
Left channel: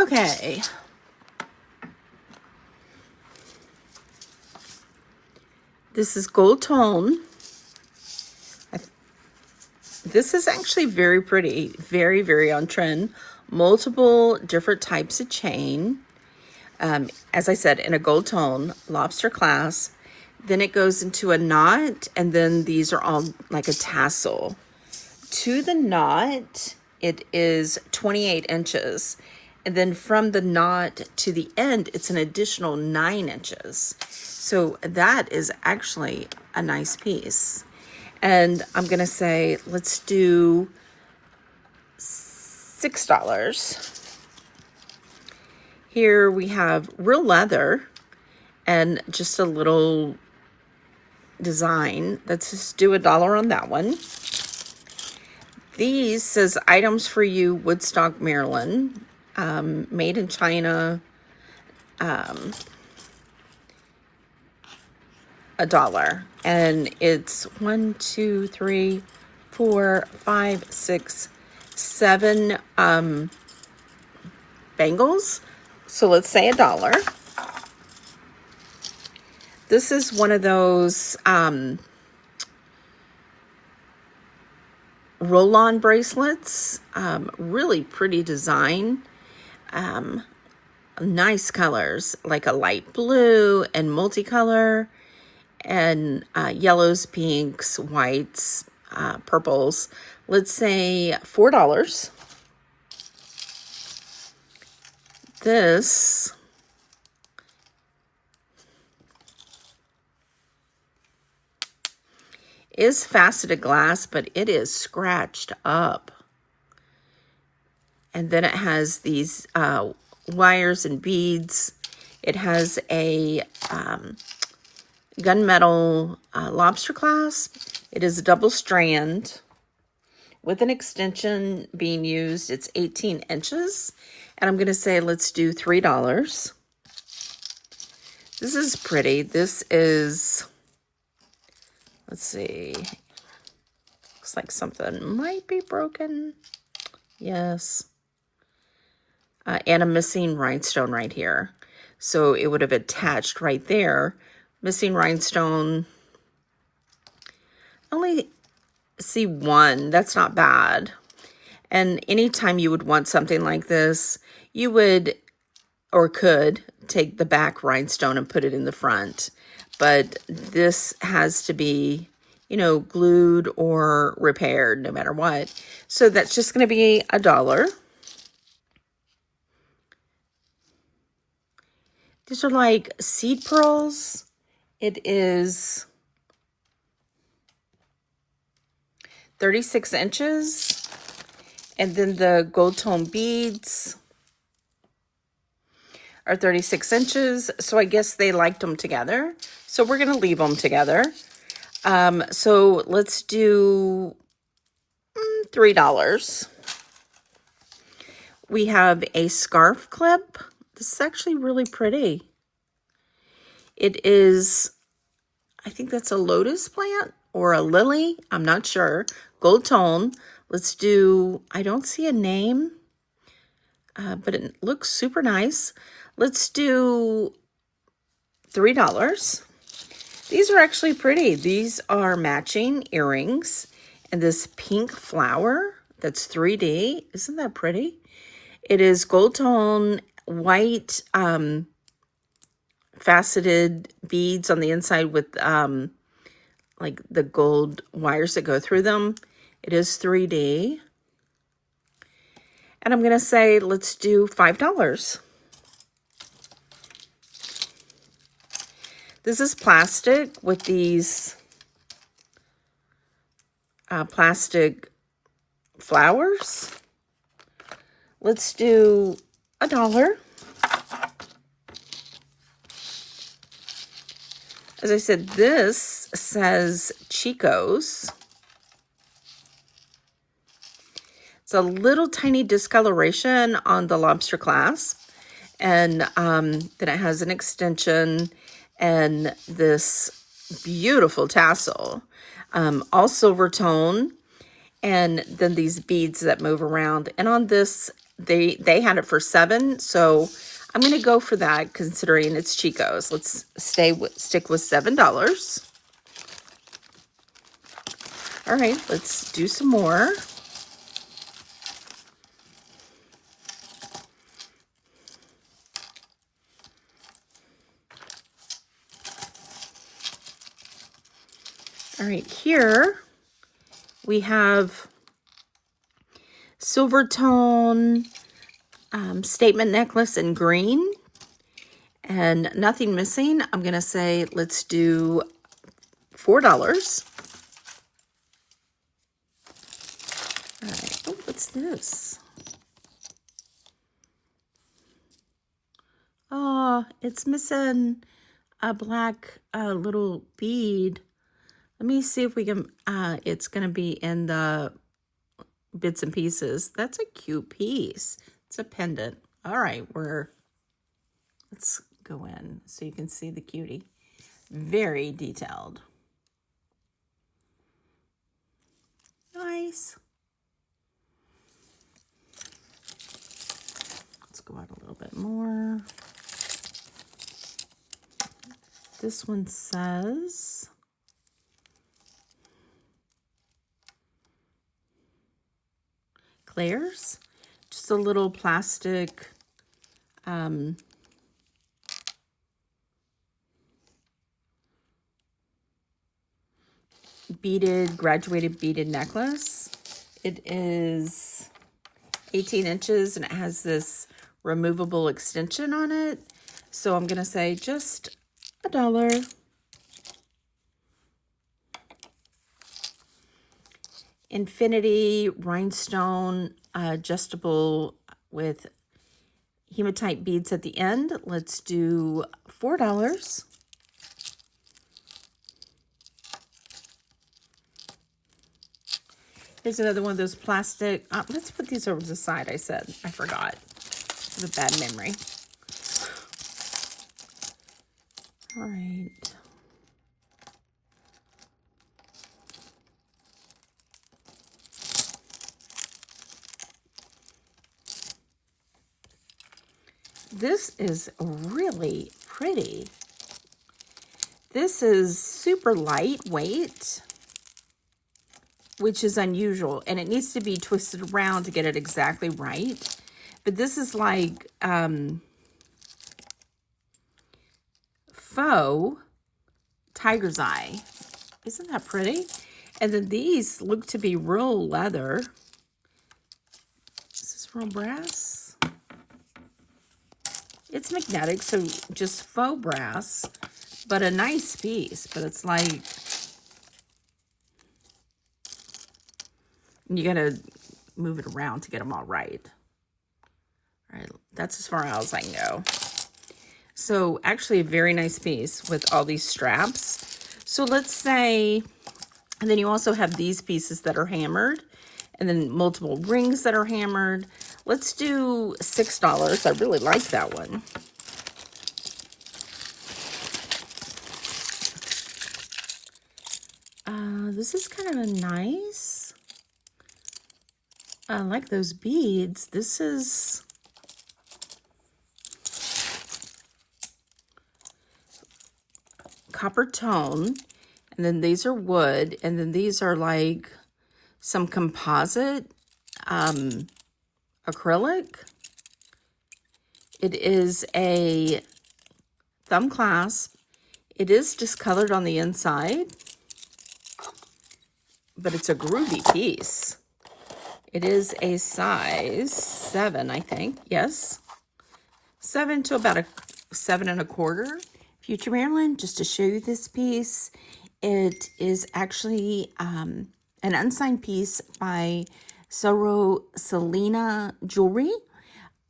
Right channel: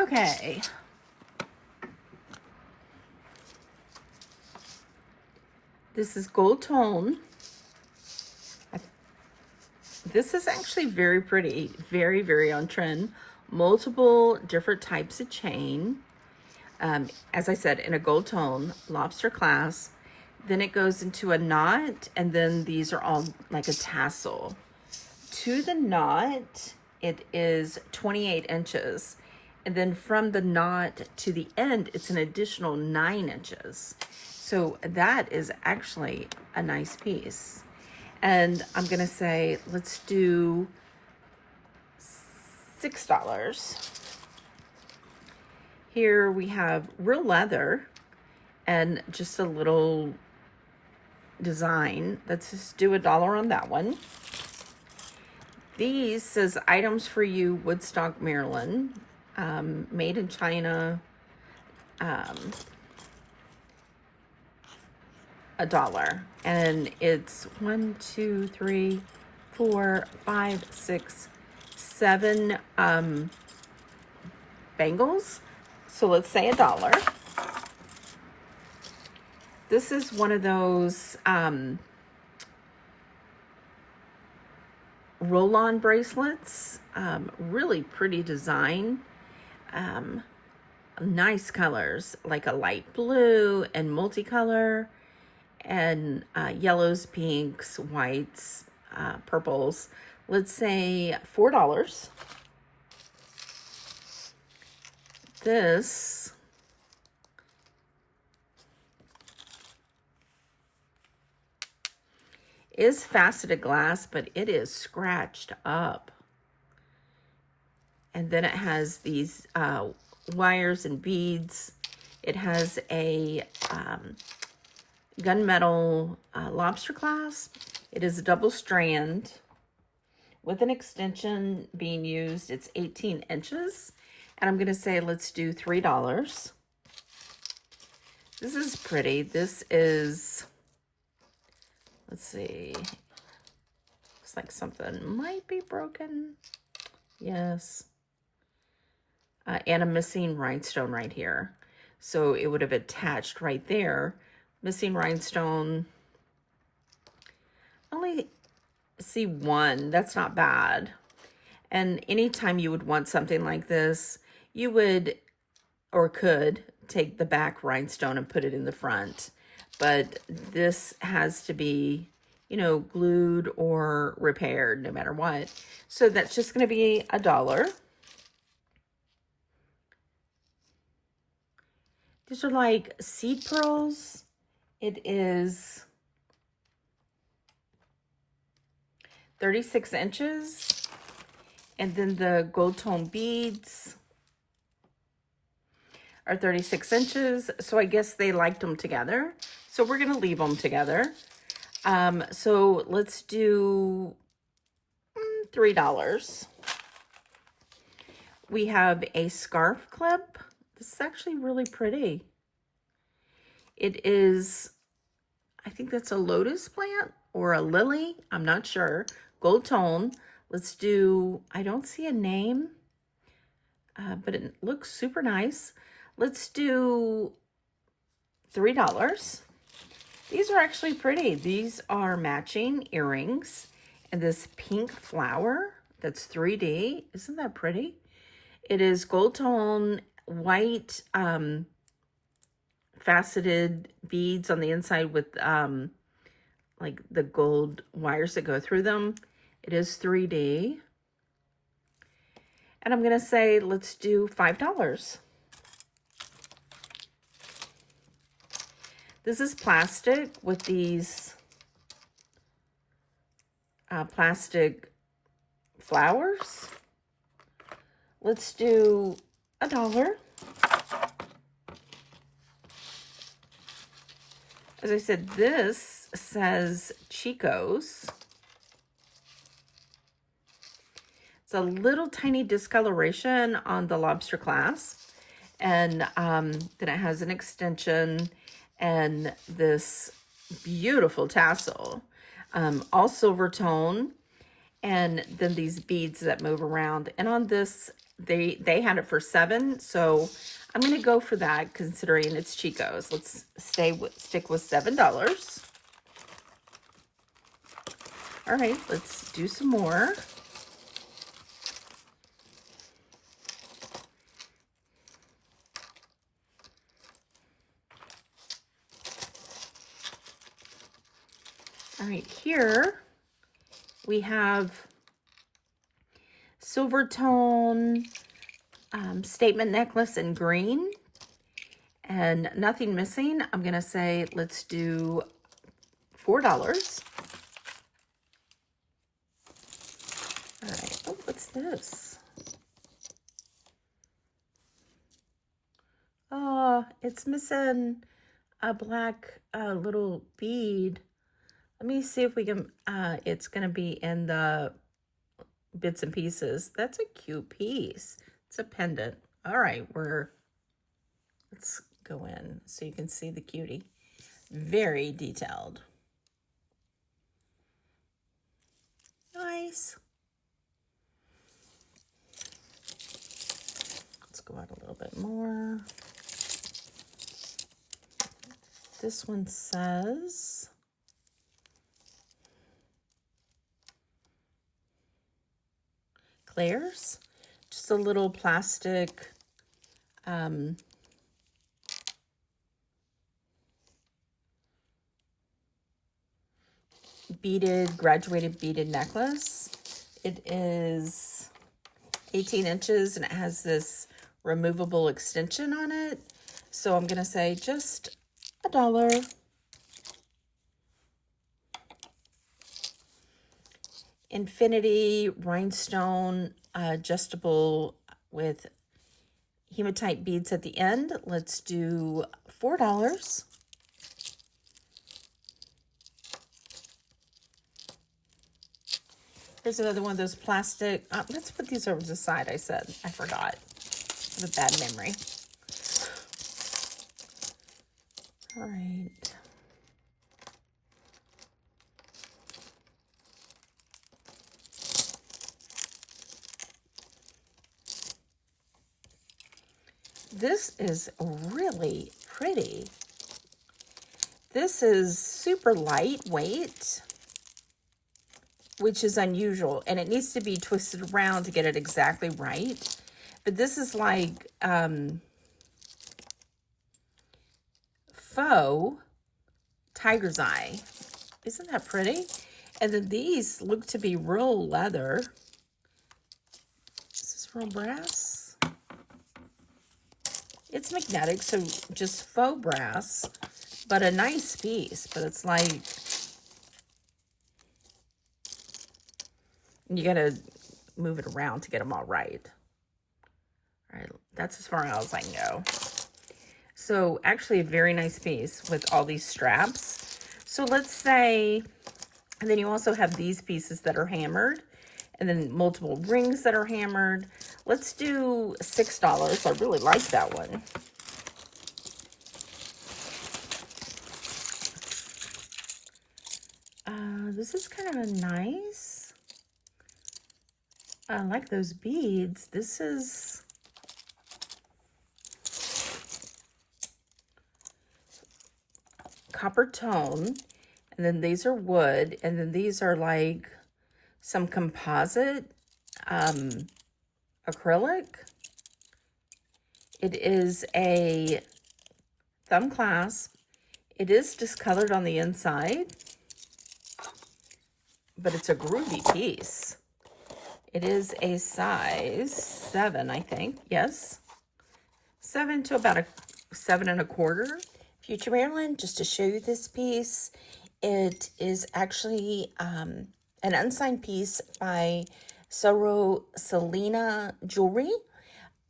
Okay. This is gold tone. This is actually very pretty. Very, very on trend. Multiple different types of chain. As I said, in a gold tone, lobster clasp. Then it goes into a knot, and then these are all like a tassel. To the knot, it is 28 inches. And then from the knot to the end, it's an additional 9 inches. So that is actually a nice piece. And I'm going to say, let's do $6. Here we have real leather and just a little design. Let's just do $1 on that one. These says items for you, Woodstock, Maryland, made in China, $1. And it's 1, 2, 3, 4, 5, 6, 7 bangles. So let's say $1. This is one of those roll-on bracelets. Really pretty design. Nice colors, like a light blue and multicolor, and yellows, pinks, whites, purples. Let's say $4. This is faceted glass, but it is scratched up. And then it has these wires and beads. It has a gunmetal lobster clasp. It is a double strand with an extension being used. It's 18 inches. And I'm going to say, let's do $3. This is pretty. This is, let's see. Looks like something might be broken. Yes. And a missing rhinestone right here. So it would have attached right there. Missing rhinestone. Only see one. That's not bad. And anytime you would want something like this, you would or could take the back rhinestone and put it in the front. But this has to be, you know, glued or repaired no matter what. So that's just going to be $1. These are like seed pearls. It is 36 inches. And then the gold tone beads are 36 inches. So I guess they liked them together. So we're going to leave them together. So let's do $3. We have a scarf clip. This is actually really pretty. It is, I think that's a lotus plant or a lily. I'm not sure. Gold tone. Let's do, I don't see a name, but it looks super nice. Let's do $3. These are actually pretty. These are matching earrings and this pink flower that's 3D. Isn't that pretty? It is gold tone, white, faceted beads on the inside with like the gold wires that go through them. It is 3D. And I'm going to say, let's do $5. This is plastic with these plastic flowers. Let's do $1. As I said, this says Chico's. It's a little tiny discoloration on the lobster clasp. And then it has an extension and this beautiful tassel. All silver tone. And then these beads that move around. And on this, they had it for $7. So I'm going to go for that considering it's Chico's. Let's stick with $7. All right, let's do some more. All right, here we have silver tone statement necklace in green and nothing missing. I'm going to say let's do $4. All right. Oh, what's this? Oh, it's missing a black little bead. Let me see if we can, it's going to be in the bits and pieces. That's a cute piece. It's a pendant. All right, let's go in so you can see the cutie. Very detailed. Nice. Let's go out a little bit more. This one says Claire's, just a little plastic graduated beaded necklace. It is 18 inches and it has this removable extension on it. So I'm going to say just $1. Infinity rhinestone adjustable with hematite beads at the end. Let's do $4. Here's another one of those plastic. Let's put these over to the side. I said I forgot. I have a bad memory. All right. This is really pretty. This is super lightweight, which is unusual, and it needs to be twisted around to get it exactly right. But this is like faux tiger's eye. Isn't that pretty? And then these look to be real leather. Is this real brass? It's magnetic, so just faux brass, but a nice piece. But it's like, you gotta move it around to get them all right. All right, that's as far as I can go. So actually a very nice piece with all these straps. So let's say, and then you also have these pieces that are hammered, and then multiple rings that are hammered. Let's do $6. I really like that one. this is kind of a nice. I like those beads. This is copper tone, and then these are wood, and then these are like some composite acrylic. It is a thumb clasp. It is discolored on the inside, but it's a groovy piece. It is a size 7, I think. Yes. 7 to about a 7 1/4. Future Marilyn, just to show you this piece, it is actually an unsigned piece by Selena Jewelry,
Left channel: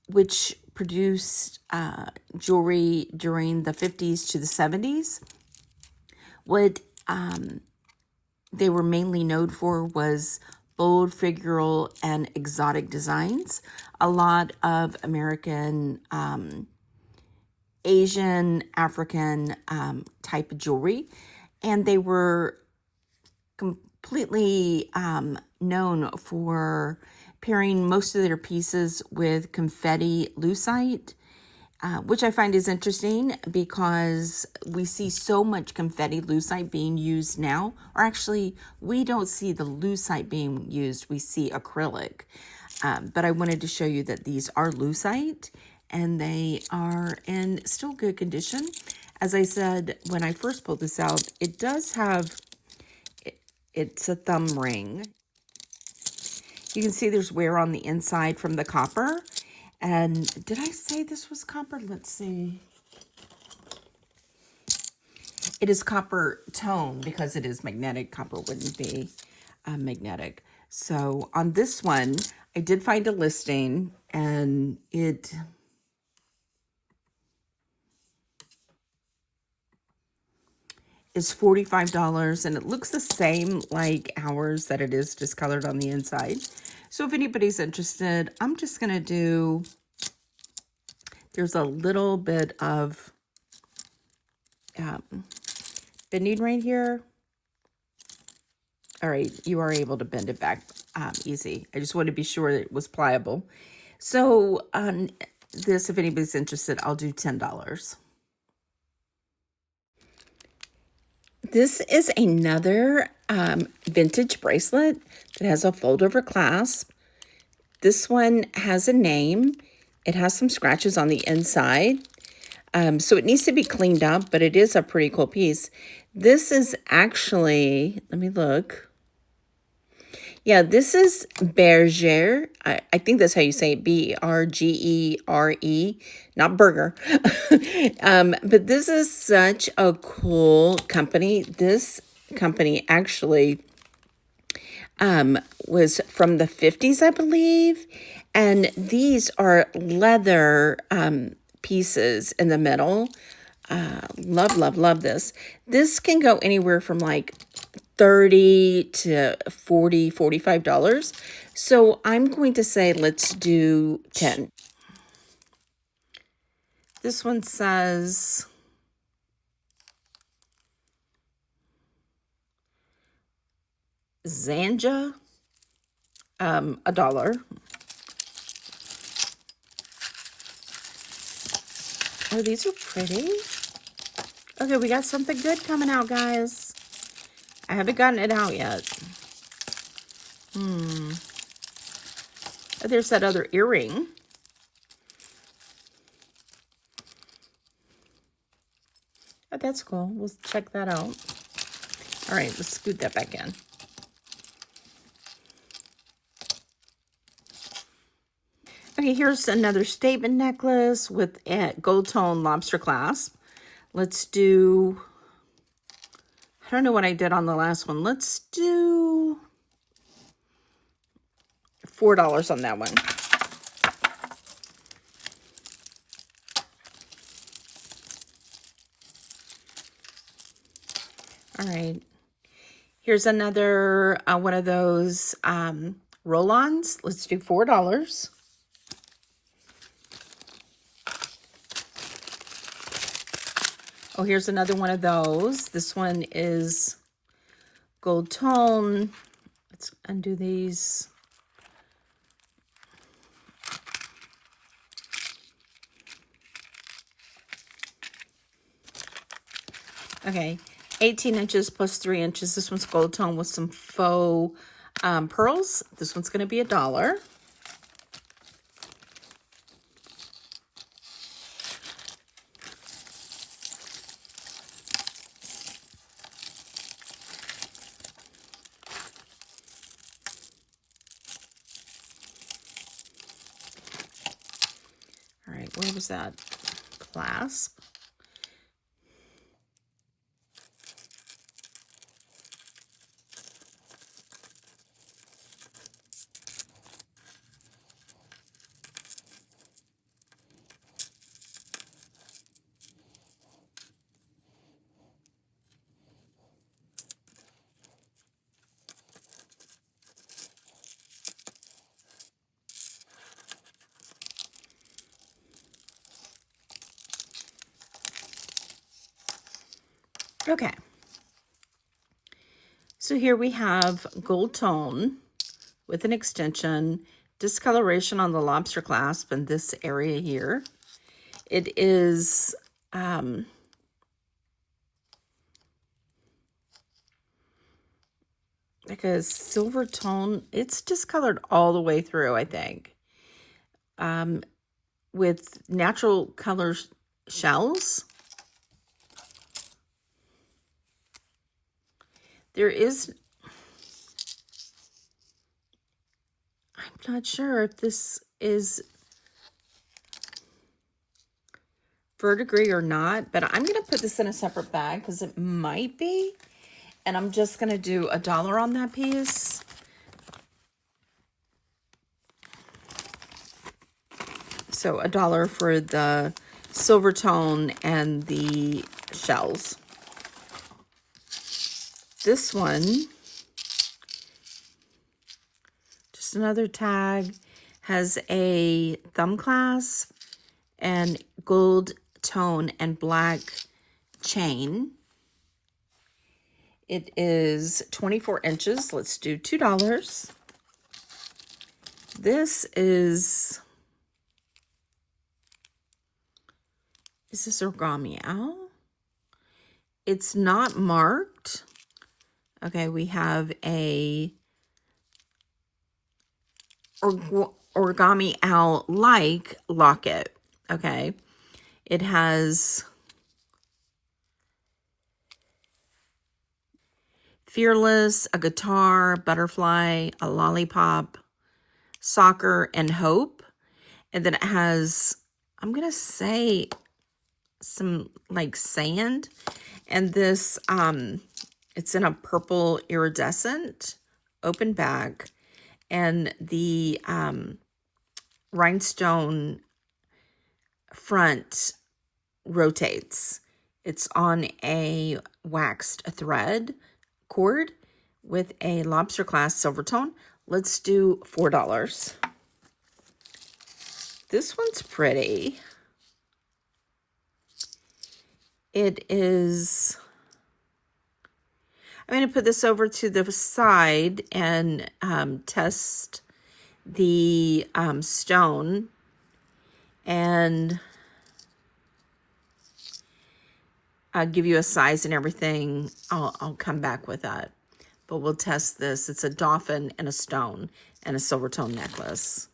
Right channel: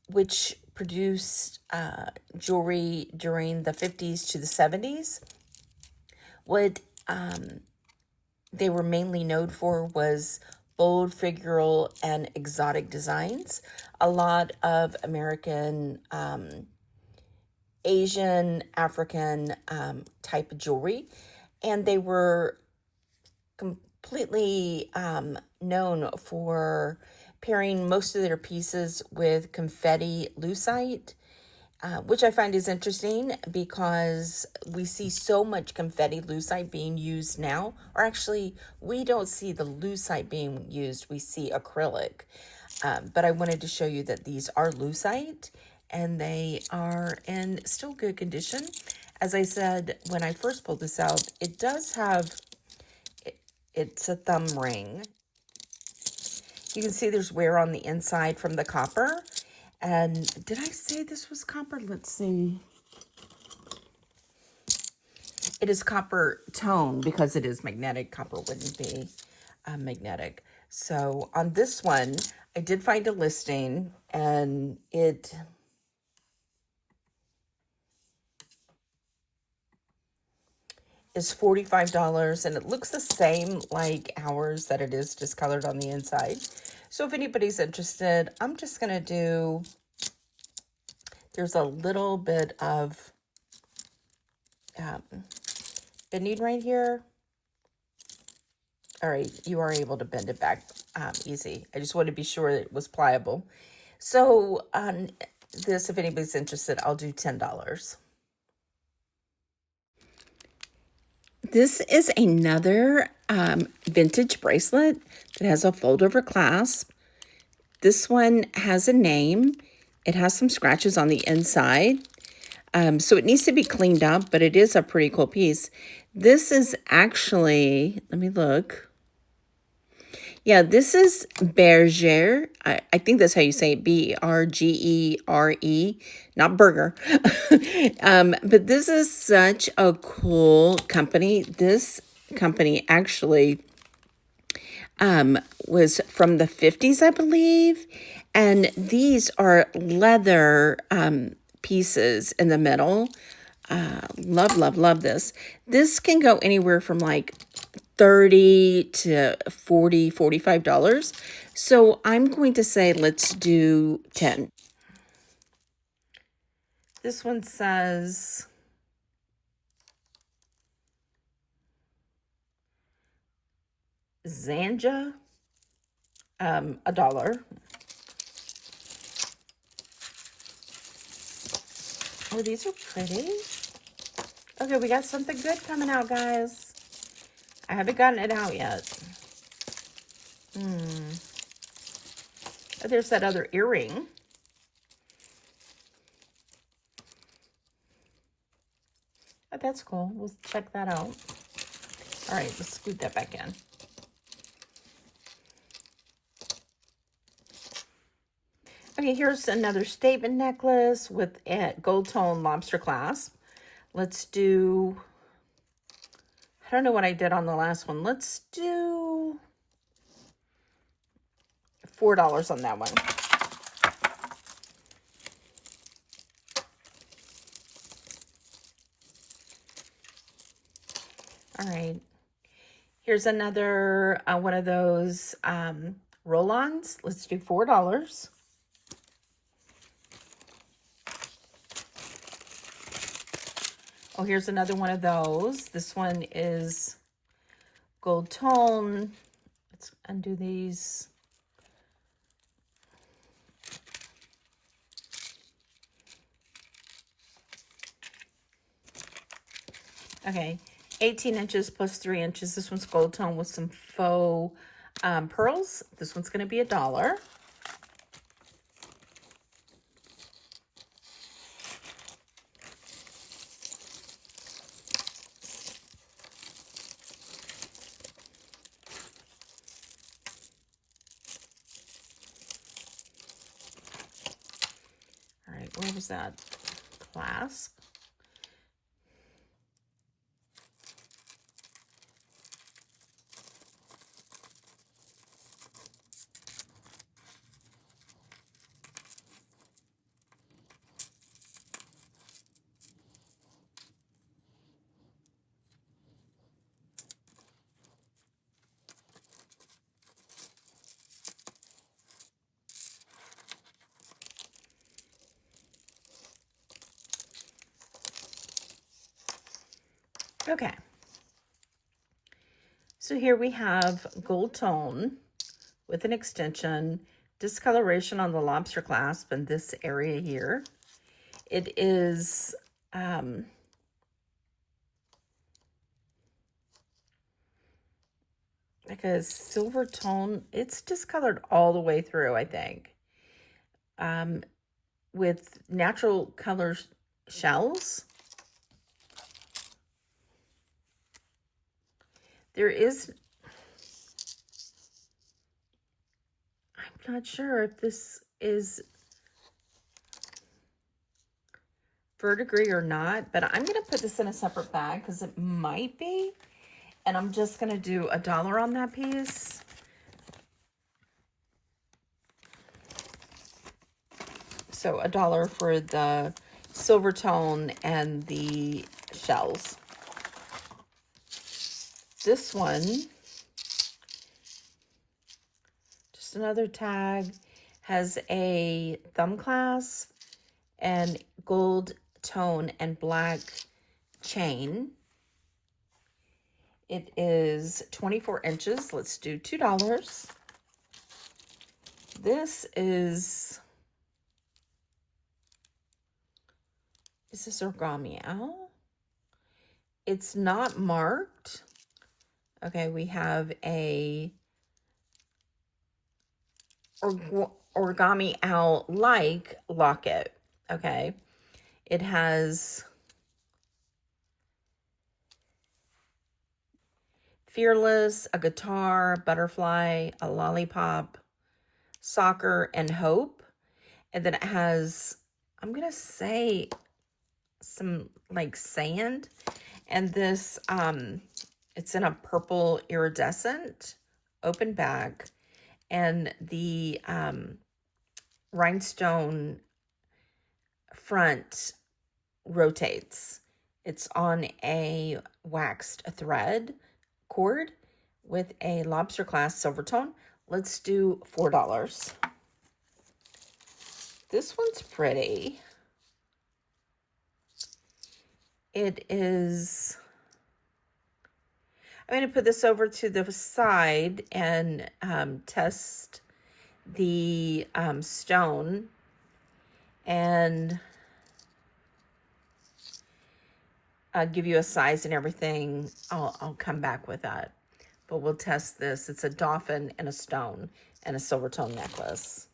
which produced jewelry during the 50s to the 70s. What they were mainly known for was bold, figural, and exotic designs. A lot of American, Asian, African type of jewelry. And they were completely known for pairing most of their pieces with confetti lucite, which I find is interesting because we see so much confetti lucite being used now. Or actually, we don't see the lucite being used. We see acrylic. But I wanted to show you that these are lucite, and they are in still good condition. As I said, when I first pulled this out, it does have, it's a thumb ring. You can see there's wear on the inside from the copper. And did I say this was copper? Let's see. It is copper tone because it is magnetic. Copper wouldn't be magnetic. So on this one, I did find a listing, and it is $45, and it looks the same like ours, that it is discolored on the inside. So if anybody's interested, I'm just going to do, there's a little bit of bending right here. All right, you are able to bend it back easy. I just want to be sure it was pliable. So on this, if anybody's interested, I'll do $10. This is another vintage bracelet that has a fold-over clasp. This one has a name. It has some scratches on the inside. So it needs to be cleaned up, but it is a pretty cool piece. This is actually, let me look. Yeah, this is Bergère. I think that's how you say it, Bergere, not burger. But this is such a cool company. This company actually was from the 50s, I believe. And these are leather pieces in the middle. Love, love, love this. This can go anywhere from like $30 to $40, $45. So I'm going to say let's do 10. This one says Zanja, $1. Oh, these are pretty. Okay, we got something good coming out, guys. I haven't gotten it out yet. Oh, there's that other earring. Oh, that's cool. We'll check that out. All right, let's scoot that back in. Okay, here's another statement necklace with a gold tone lobster clasp. Let's do, I don't know what I did on the last one. Let's do $4 on that one. All right. Here's another one of those roll-ons. Let's do $4. Oh, here's another one of those. This one is gold tone. Let's undo these. Okay, 18 inches plus 3 inches. This one's gold tone with some faux pearls. This one's going to be $1. All right, where was that clasp? Okay. So here we have gold tone with an extension, discoloration on the lobster clasp in this area here. It is like a silver tone. It's discolored all the way through, I think. With natural color shells. There is, I'm not sure if this is verdigris or not, but I'm going to put this in a separate bag because it might be. And I'm just going to do $1 on that piece. So $1 for the silver tone and the shells. This one, just another tag, has a thumb clasp and gold tone and black chain. It is 24 inches. Let's do $2. This is this origami owl? It's not marked. Okay, we have a origami owl like locket. Okay, it has fearless, a guitar, butterfly, a lollipop, soccer, and hope. And then it has, I'm gonna say, some like sand. And this it's in a purple iridescent open bag, and the rhinestone front rotates. It's on a waxed thread cord with a lobster clasp silver tone. Let's do $4. This one's pretty. It is, I'm going to put this over to the side and test the stone, and I'll give you a size and everything. I'll come back with that, but we'll test this. It's a dolphin and a stone and a silver tone necklace.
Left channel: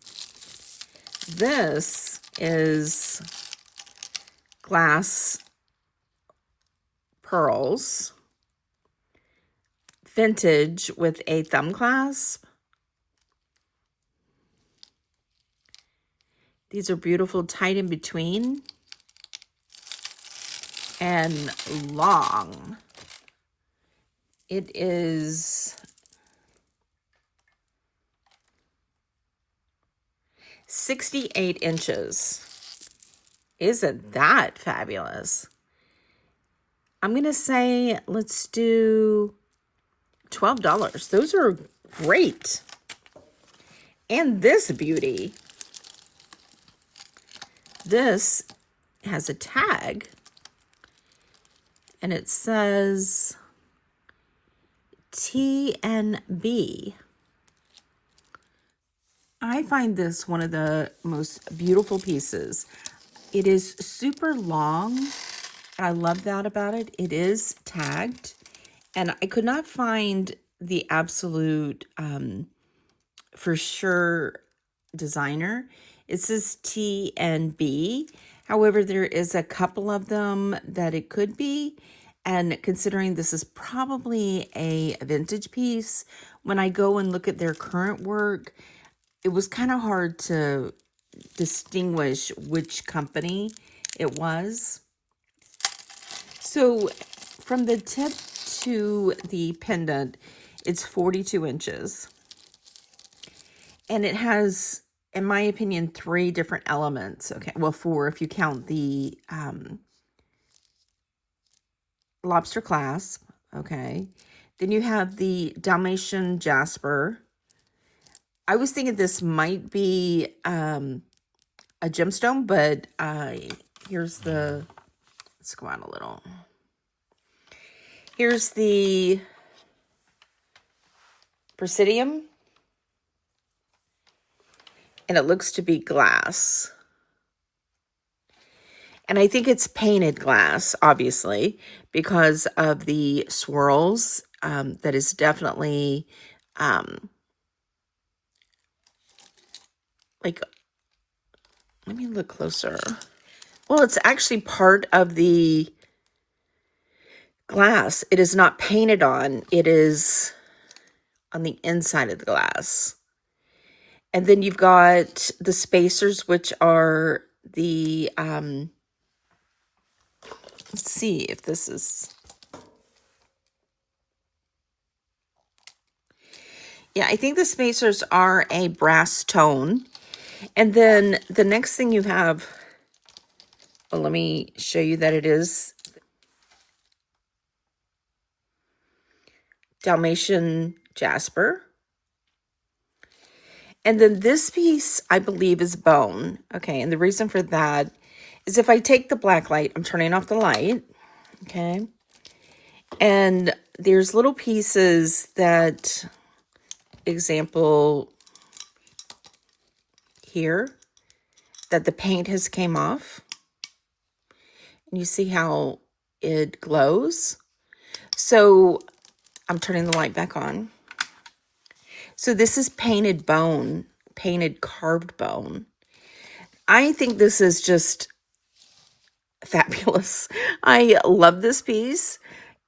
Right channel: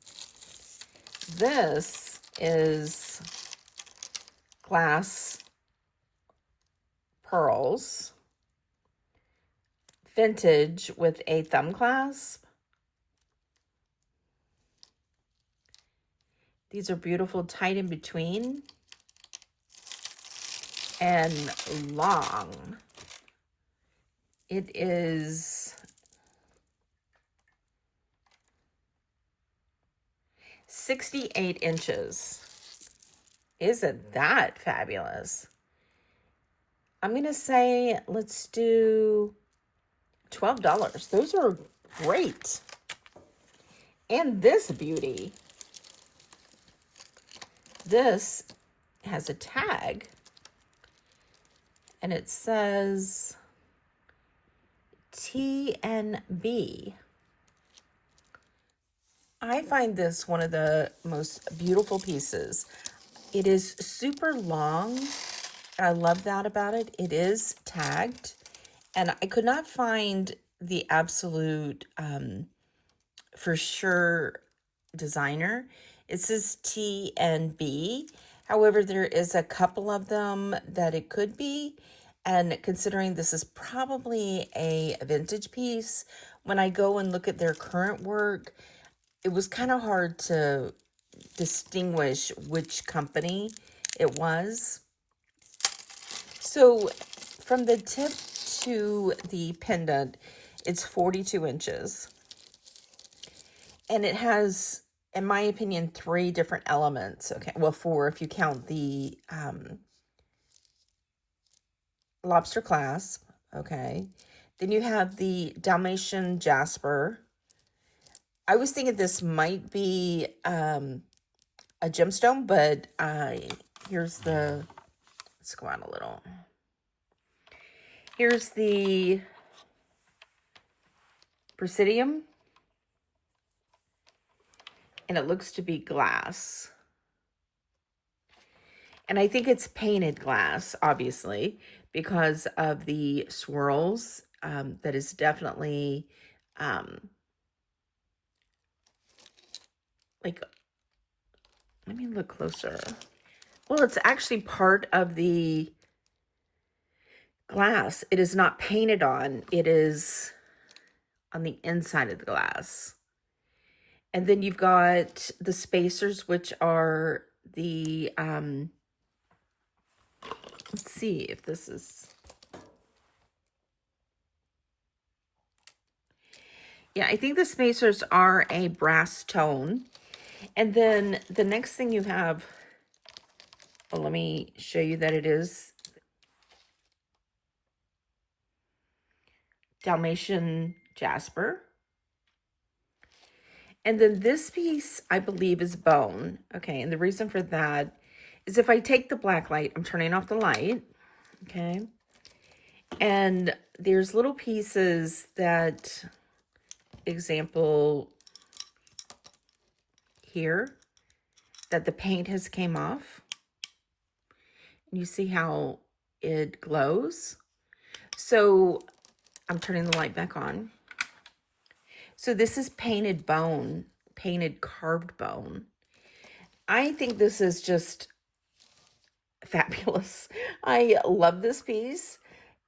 This is glass pearls, vintage with a thumb clasp. These are beautiful, tight in between, and long. It is 68 inches. Isn't that fabulous? I'm going to say let's do $12. Those are great. And this beauty. This has a tag, and it says TNB. I find this one of the most beautiful pieces. It is super long. I love that about it. It is tagged. And I could not find the absolute for sure designer. It says TNB. However, there is a couple of them that it could be. And considering this is probably a vintage piece, when I go and look at their current work, it was kind of hard to distinguish which company it was. So from the tip to the pendant, it's 42 inches. And it has, in my opinion, 3 different elements. Okay, well, 4 if you count the lobster clasp. Okay. Then you have the Dalmatian Jasper. I was thinking this might be a gemstone, but here's the, let's go out a little. Here's the Bracelets, and it looks to be glass. And I think it's painted glass, obviously, because of the swirls. That is definitely like, let me look closer. Well, it's actually part of the glass. It is not painted on. It is on the inside of the glass. And then you've got the spacers, which are the, let's see if this is, yeah, I think the spacers are a brass tone. And then the next thing you have, well, let me show you that it is Dalmatian Jasper. And then this piece, I believe, is bone. Okay, and the reason for that is if I take the black light, I'm turning off the light, okay? And there's little pieces that, example here, that the paint has came off. And you see how it glows? So I'm turning the light back on. So this is painted bone, painted carved bone. I think this is just fabulous. I love this piece.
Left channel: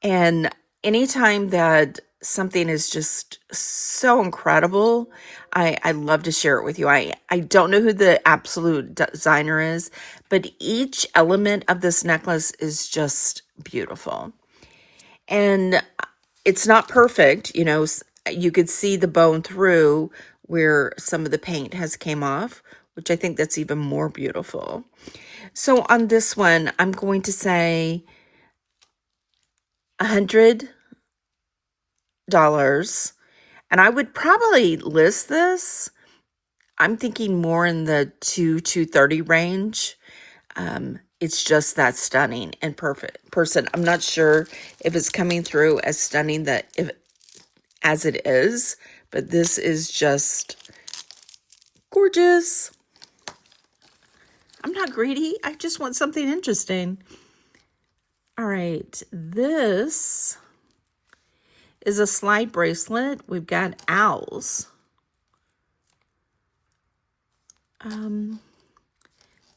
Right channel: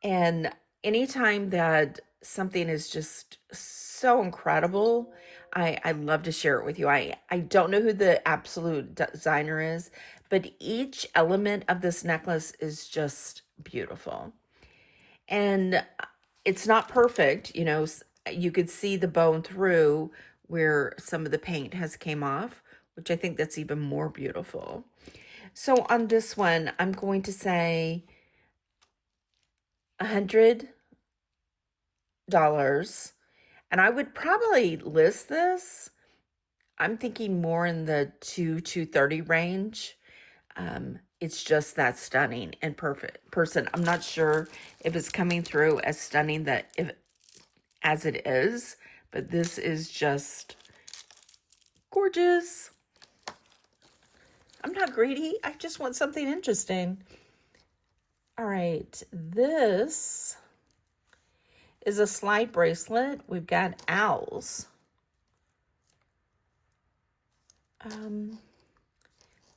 And anytime that something is just so incredible, I love to share it with you. I don't know who the absolute designer is, but each element of this necklace is just beautiful. And it's not perfect, you know, you could see the bone through where some of the paint has came off, which I think that's even more beautiful. So on this one, I'm going to say $100. And I would probably list this, I'm thinking more in the $230 range. It's just that stunning and perfect person. I'm not sure if it's coming through as stunning as it is, but this is just gorgeous. I'm not greedy. I just want something interesting. All right, this is a slide bracelet. We've got owls.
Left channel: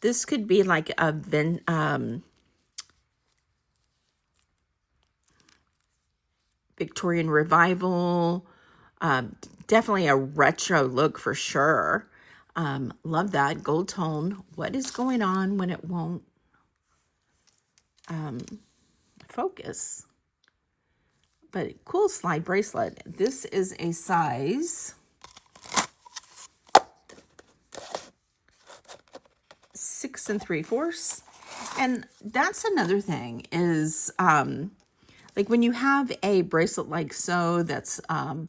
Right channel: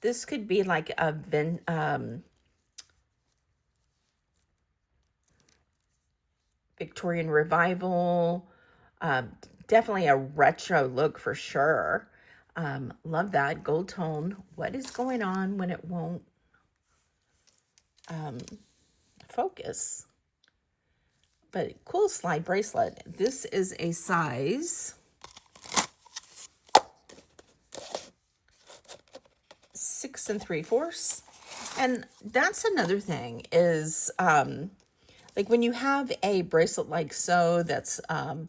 This could be like a Victorian revival. Definitely a retro look for sure. Love that gold tone. What is going on when it won't focus? But cool slide bracelet. This is a size 6 3/4. And that's another thing is, like when you have a bracelet like so, that's a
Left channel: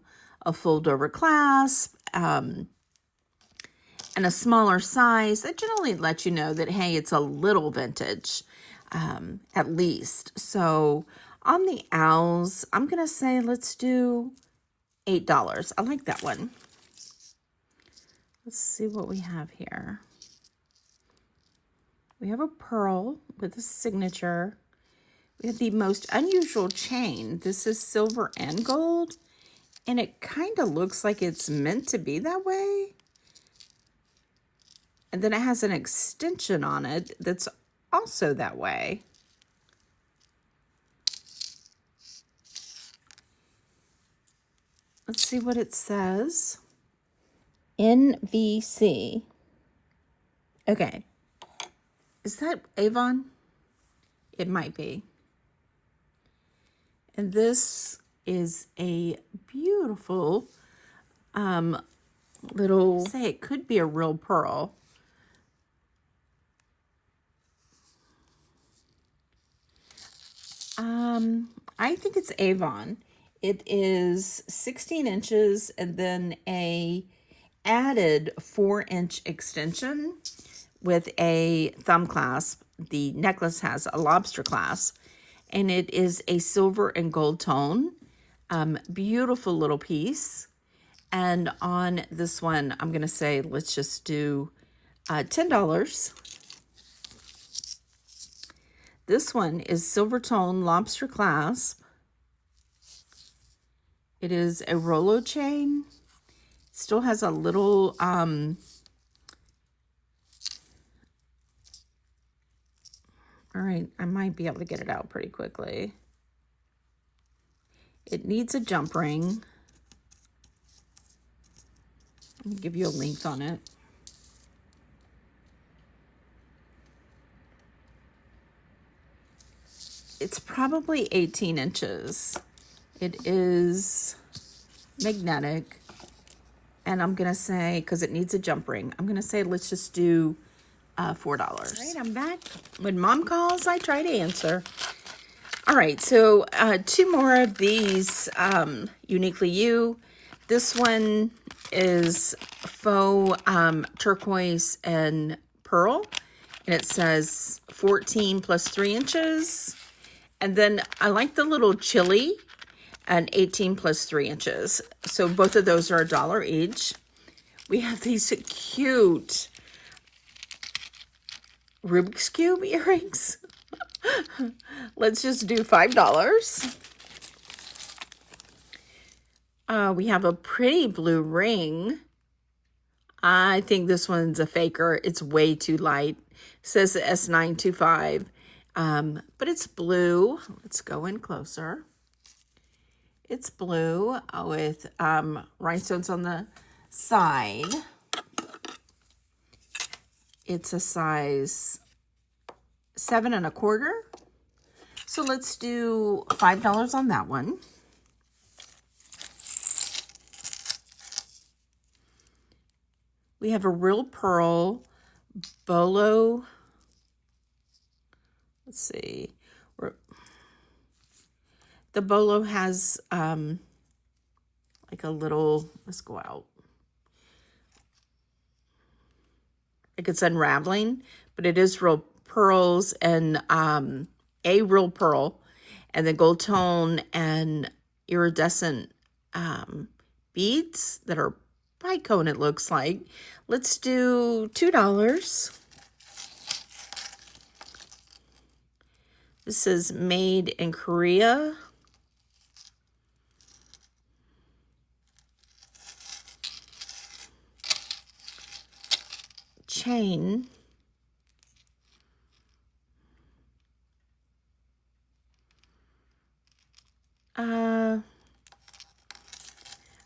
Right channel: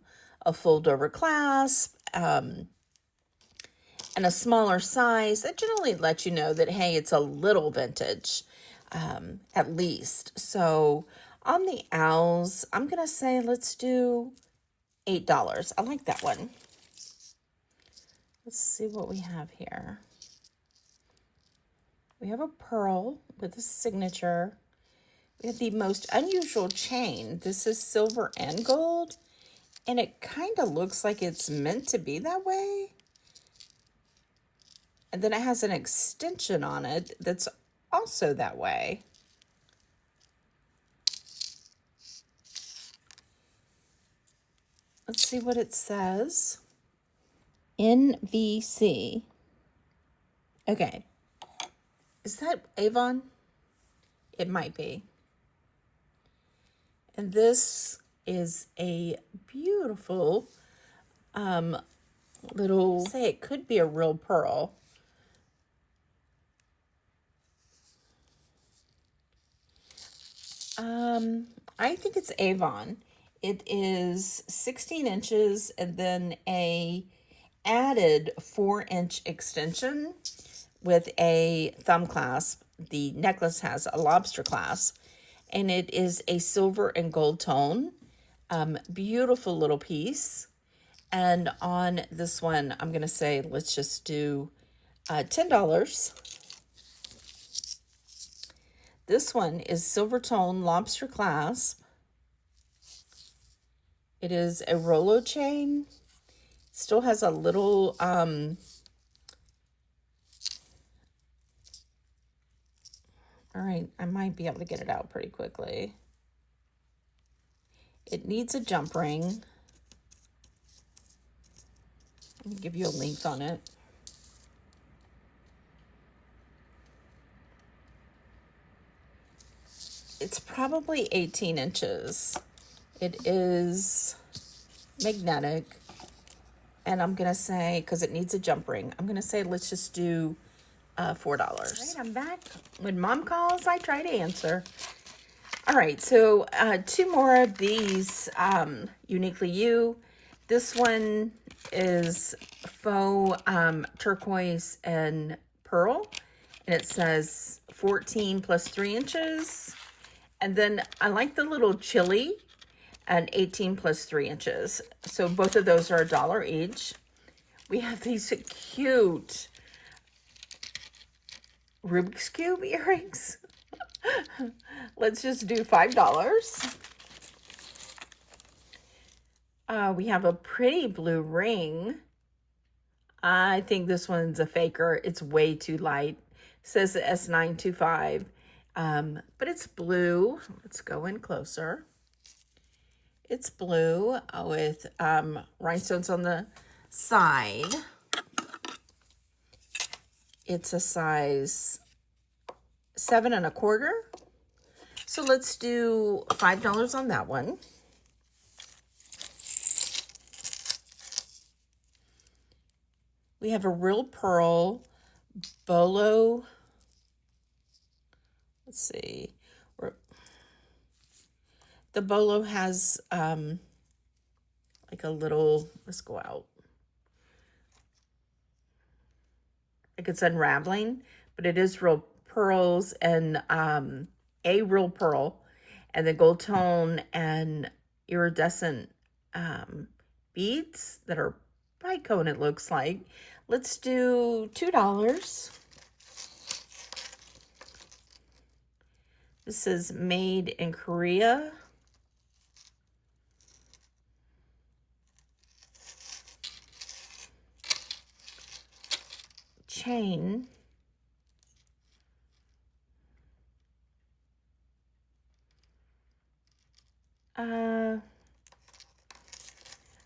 fold over clasp, and a smaller size, that generally lets you know that, hey, it's a little vintage, at least. So On the owls, I'm going to say let's do $8. I like that one. Let's see what we have here. We have a pearl with a signature. We have the most unusual chain. This is silver and gold, and it kind of looks like it's meant to be that way. And then it has an extension on it that's also that way. Let's see what it says. NVC. Okay. Is that Avon? It might be. And this is a beautiful little, say it could be a real pearl. I think it's Avon. It is 16 inches and then a added 4-inch extension with a thumb clasp. The necklace has a lobster clasp, and it is a silver and gold tone. Beautiful little piece. And on this one, I'm going to say, let's just do $10. This one is silver tone lobster clasp. It is a Rolo chain. Still has a little, all right, I might be able to get it out pretty quickly. It needs a jump ring. Let me give you a length on it. It's probably 18 inches. It is magnetic. And I'm going to say, because it needs a jump ring, I'm going to say let's just do $4. Right, I'm back. When Mom calls, I try to answer. All right, so 2 more of these Uniquely You. This one is faux turquoise and pearl. And it says 14 plus 3 inches. And then I like the little chili and 18 plus 3 inches. So both of those are $1 each. We have these cute Rubik's Cube earrings. Let's just do $5. We have a pretty blue ring. I think this one's a faker. It's way too light. It says S925. But it's blue. Let's go in closer. It's blue with rhinestones on the side. It's a size 7 1/4. So let's do $5 on that one. We have a real pearl bolo. Let's see. The bolo has like a little, let's go out. Like it's unraveling, but it is real pearls and a real pearl and the gold tone and iridescent beads that are bicone, it looks like. Let's do $2. This is made in Korea. Chain.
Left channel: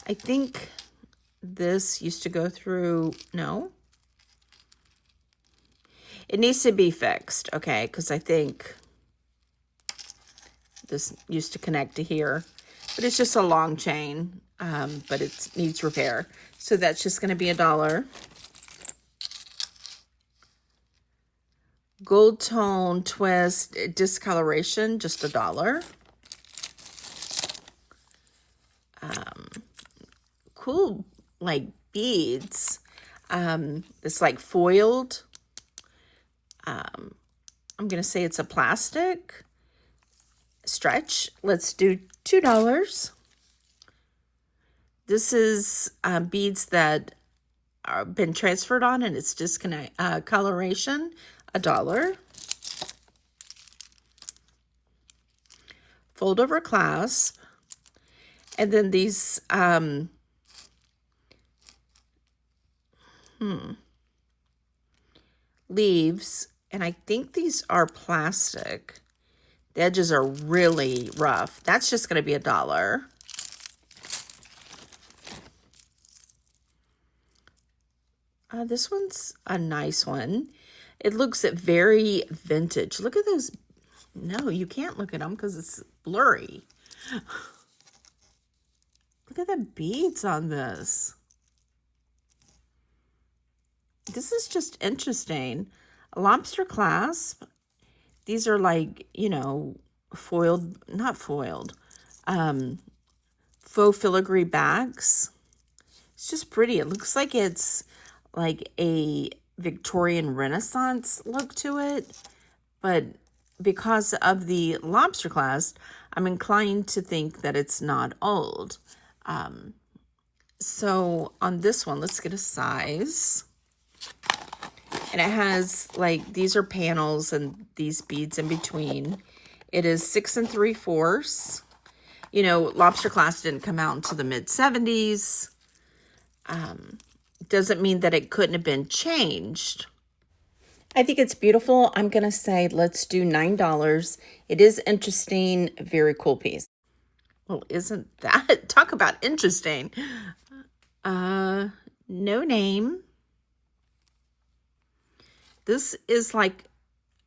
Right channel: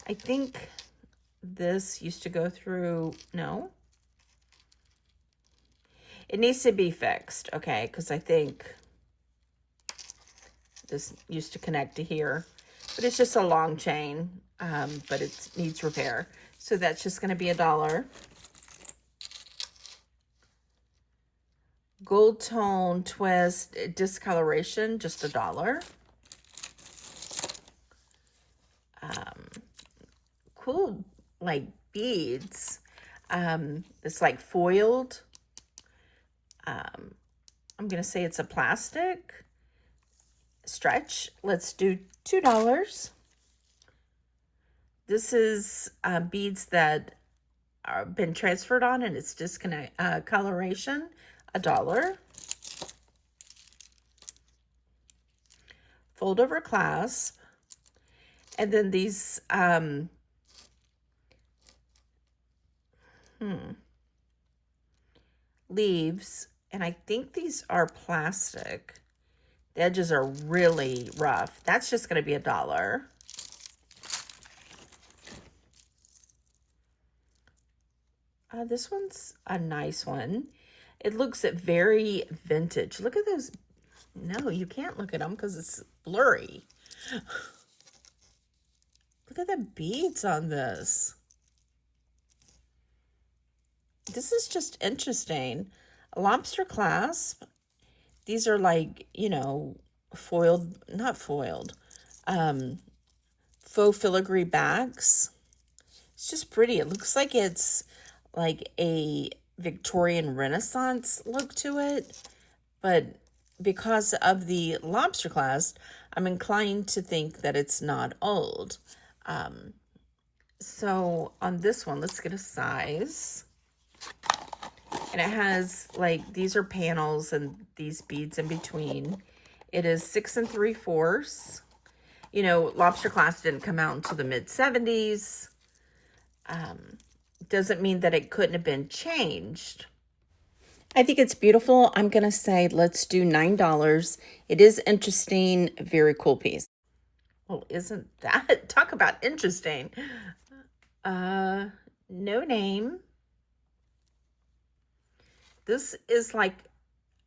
I think this used to go through, no. It needs to be fixed, okay, because I think this used to connect to here. But it's just a long chain, but it needs repair. So that's just going to be $1. Gold tone twist discoloration, just $1. Cool, like beads. It's like foiled. I'm gonna say it's a plastic. stretch. Let's do $2. This is beads that are been transferred on, and it's disconnect coloration, $1. Fold over clasp, and then these leaves, and I think these are plastic. The edges are really rough. That's just going to be $1. This one's a nice one. It looks very vintage. Look at those. No, you can't look at them because it's blurry. Look at the beads on this. This is just interesting. A lobster clasp. These are like, you know, foiled, not foiled, faux filigree bags. It's just pretty. It looks like it's like a Victorian Renaissance look to it, but because of the lobster clasp, I'm inclined to think that it's not old. So on this one, let's get a size. And it has like, these are panels and these beads in between. It is 6 3/4. You know, lobster clasp didn't come out until the mid-70s. Doesn't mean that it couldn't have been changed. I think it's beautiful. I'm going to say let's do $9. It is interesting. Very cool piece. Well, isn't that? Talk about interesting. No name. This is like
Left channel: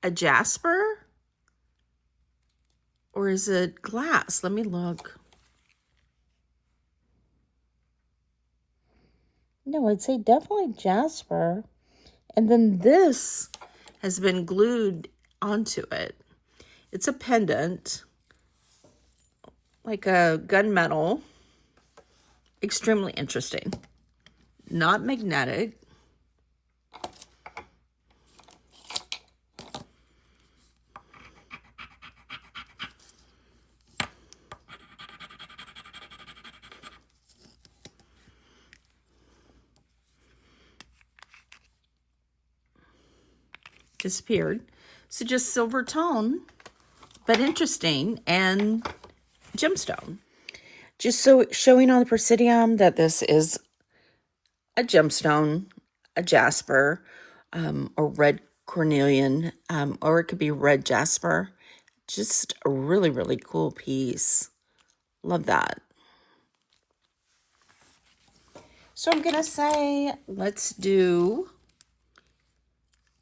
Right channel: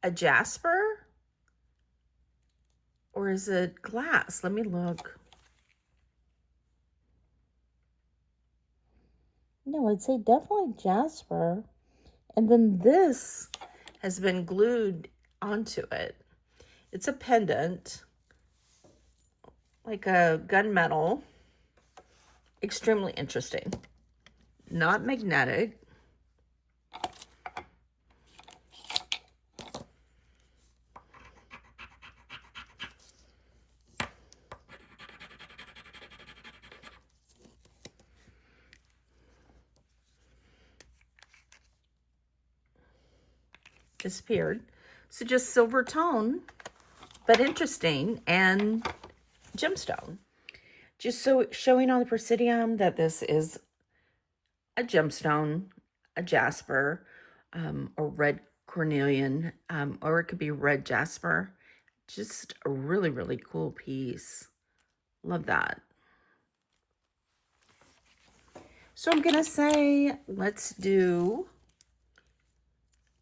a Jasper. Or is it glass? Let me look. No, I'd say definitely Jasper. And then this has been glued onto it. It's a pendant, like a gunmetal. Extremely interesting. Not magnetic. Disappeared. So just silver tone, but interesting, and gemstone. Just so showing on the Presidium that this is a gemstone, a Jasper, or red cornelian, or it could be red Jasper. Just a really, really cool piece. Love that. So I'm gonna say let's do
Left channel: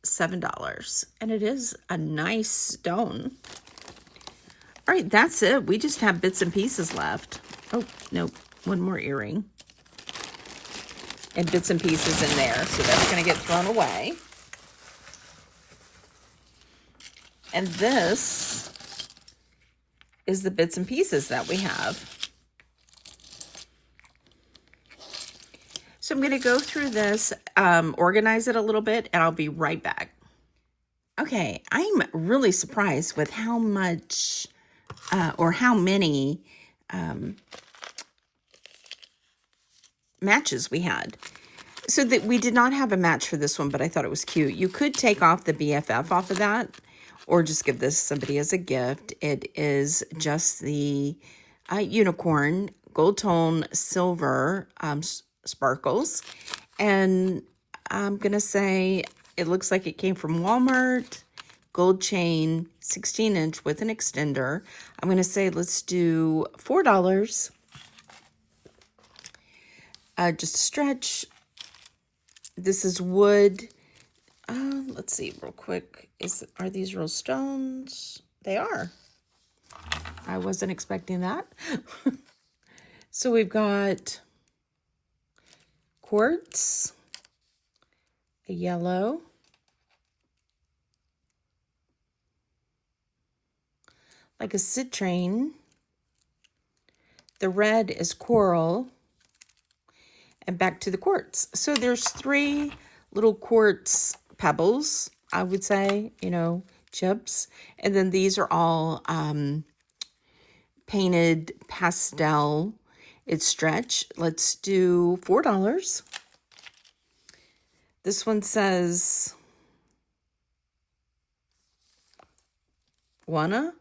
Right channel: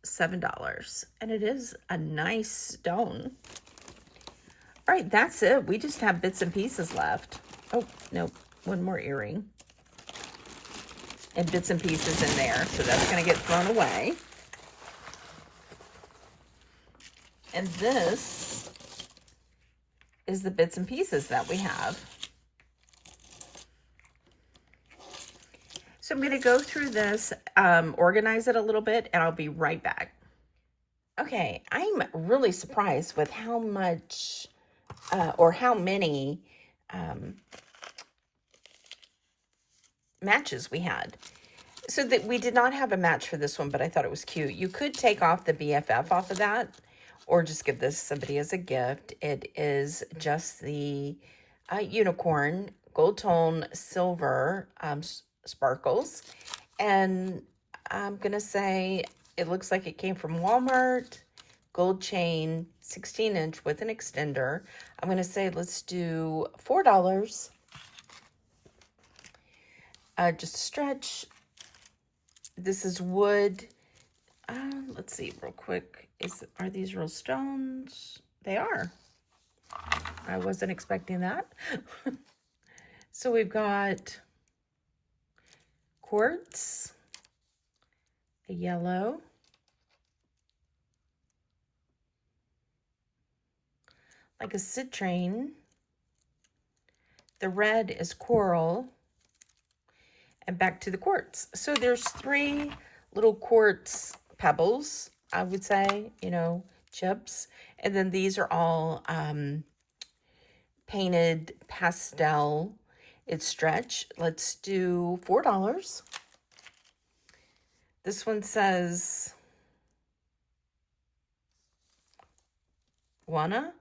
$7, and it is a nice stone. All right, that's it. We just have bits and pieces left. Oh, no, one more earring. And bits and pieces in there, so that's going to get thrown away. And this is the bits and pieces that we have. So I'm going to go through this, organize it a little bit, and I'll be right back. Okay, I'm really surprised with how much or how many matches we had. So that we did not have a match for this one, but I thought it was cute. You could take off the BFF off of that, or just give this somebody as a gift. It is just the unicorn, gold tone, silver sparkles. And I'm going to say it looks like it came from Walmart. Gold chain, 16-inch with an extender. I'm going to say let's do $4. Just stretch. This is wood. Let's see real quick. Are these real stones? They are. I wasn't expecting that. So we've got quartz, a yellow, like a citrine. The red is coral, and back to the quartz. So there's 3 little quartz pebbles, I would say, you know, chips. And then these are all painted pastel. It's stretch. Let's do $4. This one says wanna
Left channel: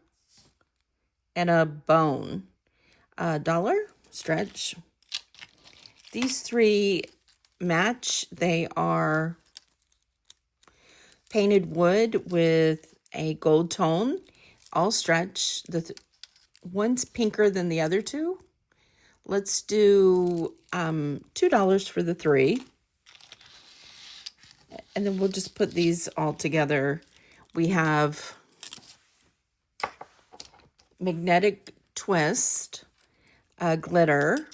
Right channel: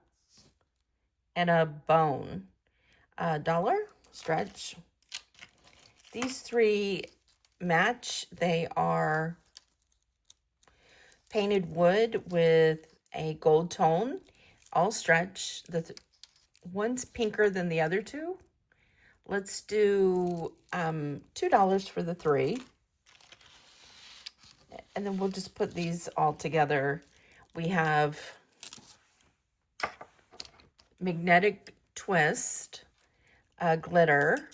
and a bone. $1 stretch. These three match. They are painted wood with a gold tone, all stretch. One's pinker than the other two. Let's do $2 for the three. And then we'll just put these all together. We have magnetic twist, glitter,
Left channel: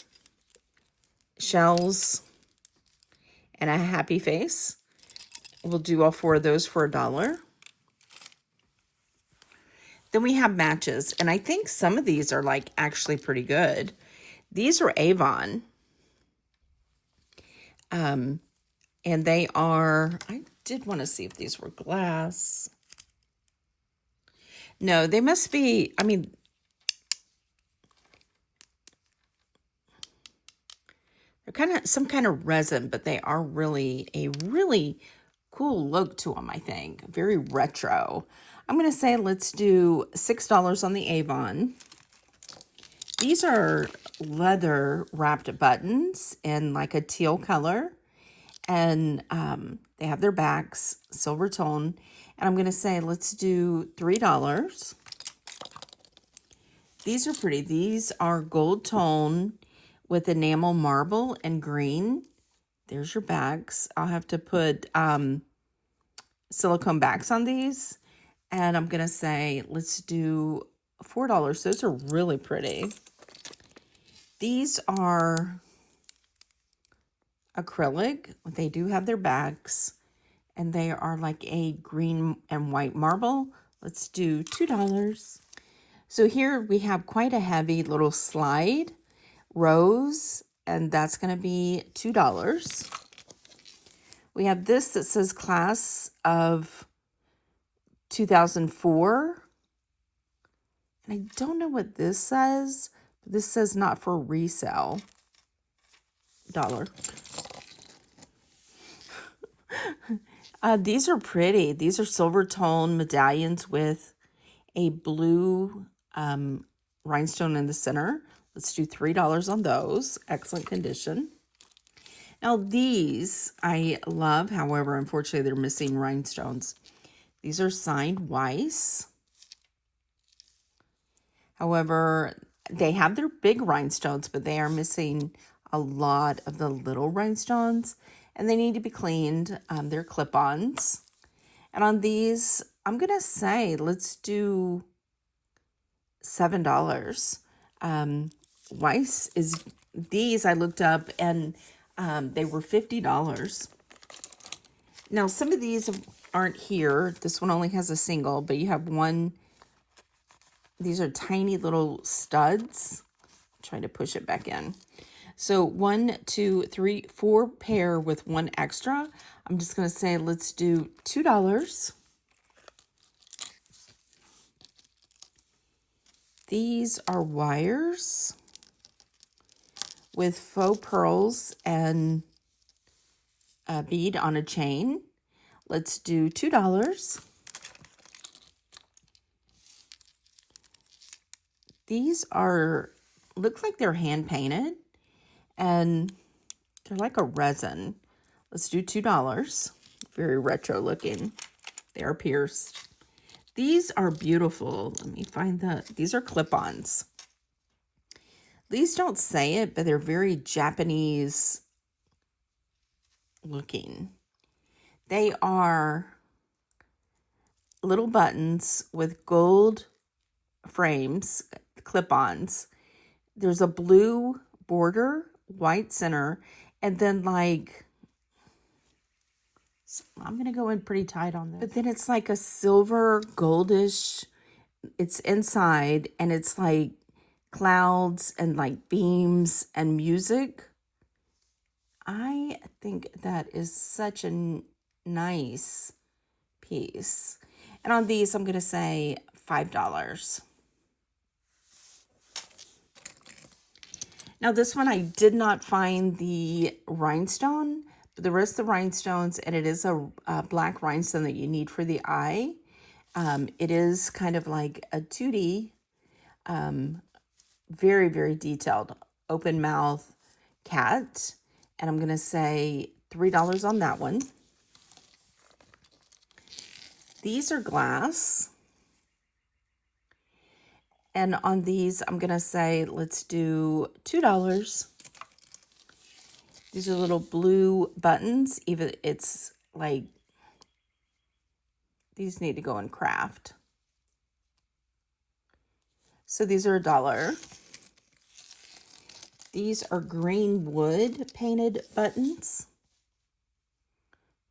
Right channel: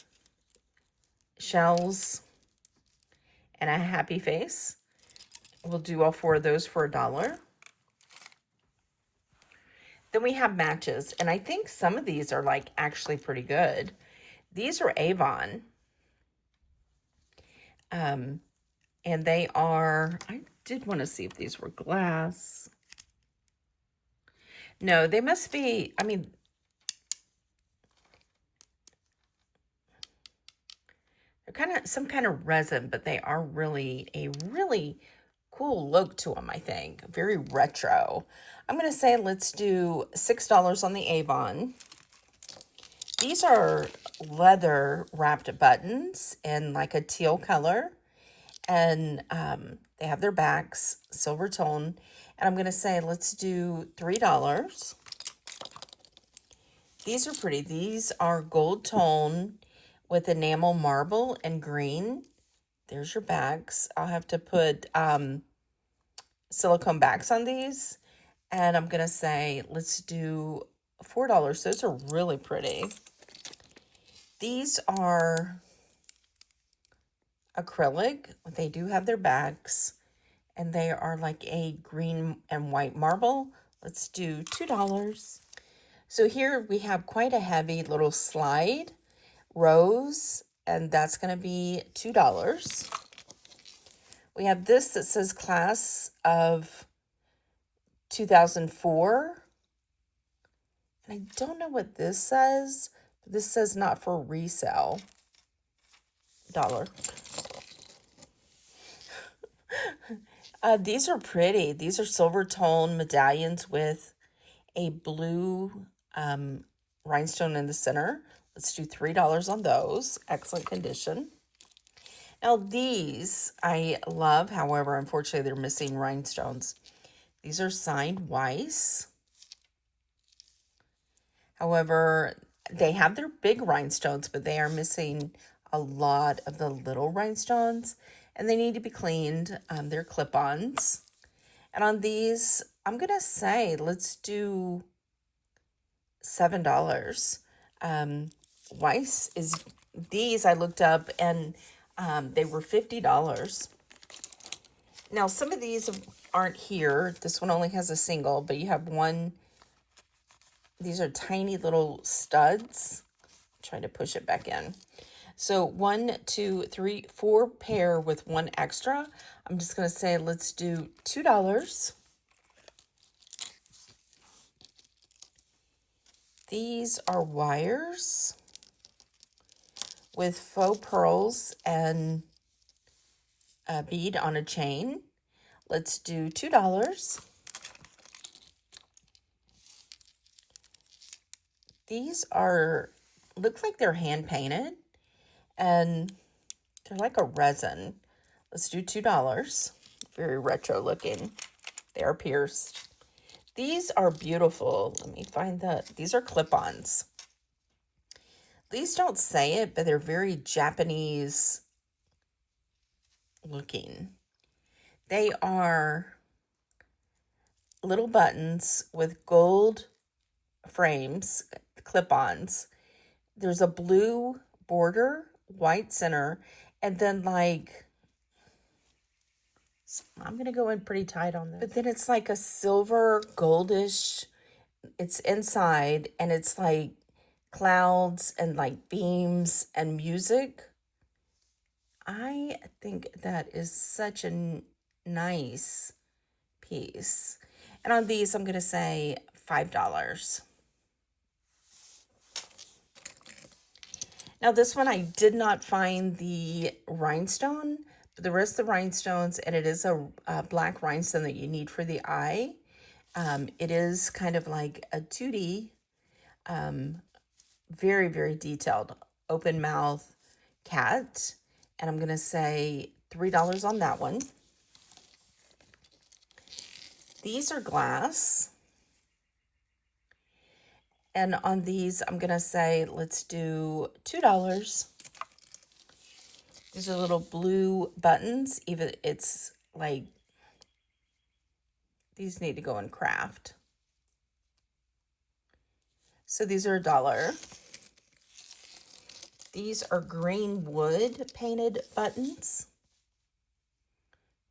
shells, and a happy face. We'll do all 4 of those for $1. Then we have matches, and I think some of these are like actually pretty good. These are Avon. And they are, I did want to see if these were glass. No, they must be, I mean, they're kind of some kind of resin, but they are really a really cool look to them, I think. Very retro. I'm going to say let's do $6 on the Avon. These are leather wrapped buttons in like a teal color. And they have their backs, silver tone. And I'm going to say let's do $3. These are pretty. These are gold tone with enamel marble and green. There's your backs. I'll have to put silicone backs on these. And I'm going to say let's do $4. Those are really pretty. These are acrylic. They do have their backs. And they are like a green and white marble. Let's do $2. So here we have quite a heavy little slide rose, and that's going to be $2. We have this that says class of 2004. And I don't know what this says. This says not for resale. $1. These are pretty. These are silver tone medallions with a blue rhinestone in the center. Let's do $3 on those. Excellent condition. Now these I love. However, unfortunately, they're missing rhinestones. These are signed Weiss. However, they have their big rhinestones, but they are missing a lot of the little rhinestones. And they need to be cleaned. They're clip-ons. And on these, I'm going to say, let's do $7. Weiss is, these I looked up, and they were $50. Now, some of these aren't here. This one only has a single, but you have one. These are tiny little studs. I'm trying to push it back in. So 1, 2, 3, 4 pair with one extra. I'm just going to say let's do $2. These are wires with faux pearls and a bead on a chain. Let's do $2. These look like they're hand painted. And they're like a resin. Let's do $2. Very retro looking. They are pierced. These are beautiful. Let me find these are clip-ons. These don't say it, but they're very Japanese looking. They are little buttons with gold frames, clip-ons. There's a blue border, white center, and then like, I'm going to go in pretty tight on this. But then it's like a silver goldish, it's inside, and it's like clouds and like beams and music. I think that is such a nice piece. And on these, I'm going to say $5. Now this one, I did not find the rhinestone, but the rest of the rhinestones, and it is a black rhinestone that you need for the eye. It is kind of like a 2D, very, very detailed, open mouth cat. And I'm going to say $3 on that one. These are glass. And on these, I'm going to say, let's do $2. These are little blue buttons. Even it's like, these need to go in craft. So these are $1. These are green wood painted buttons.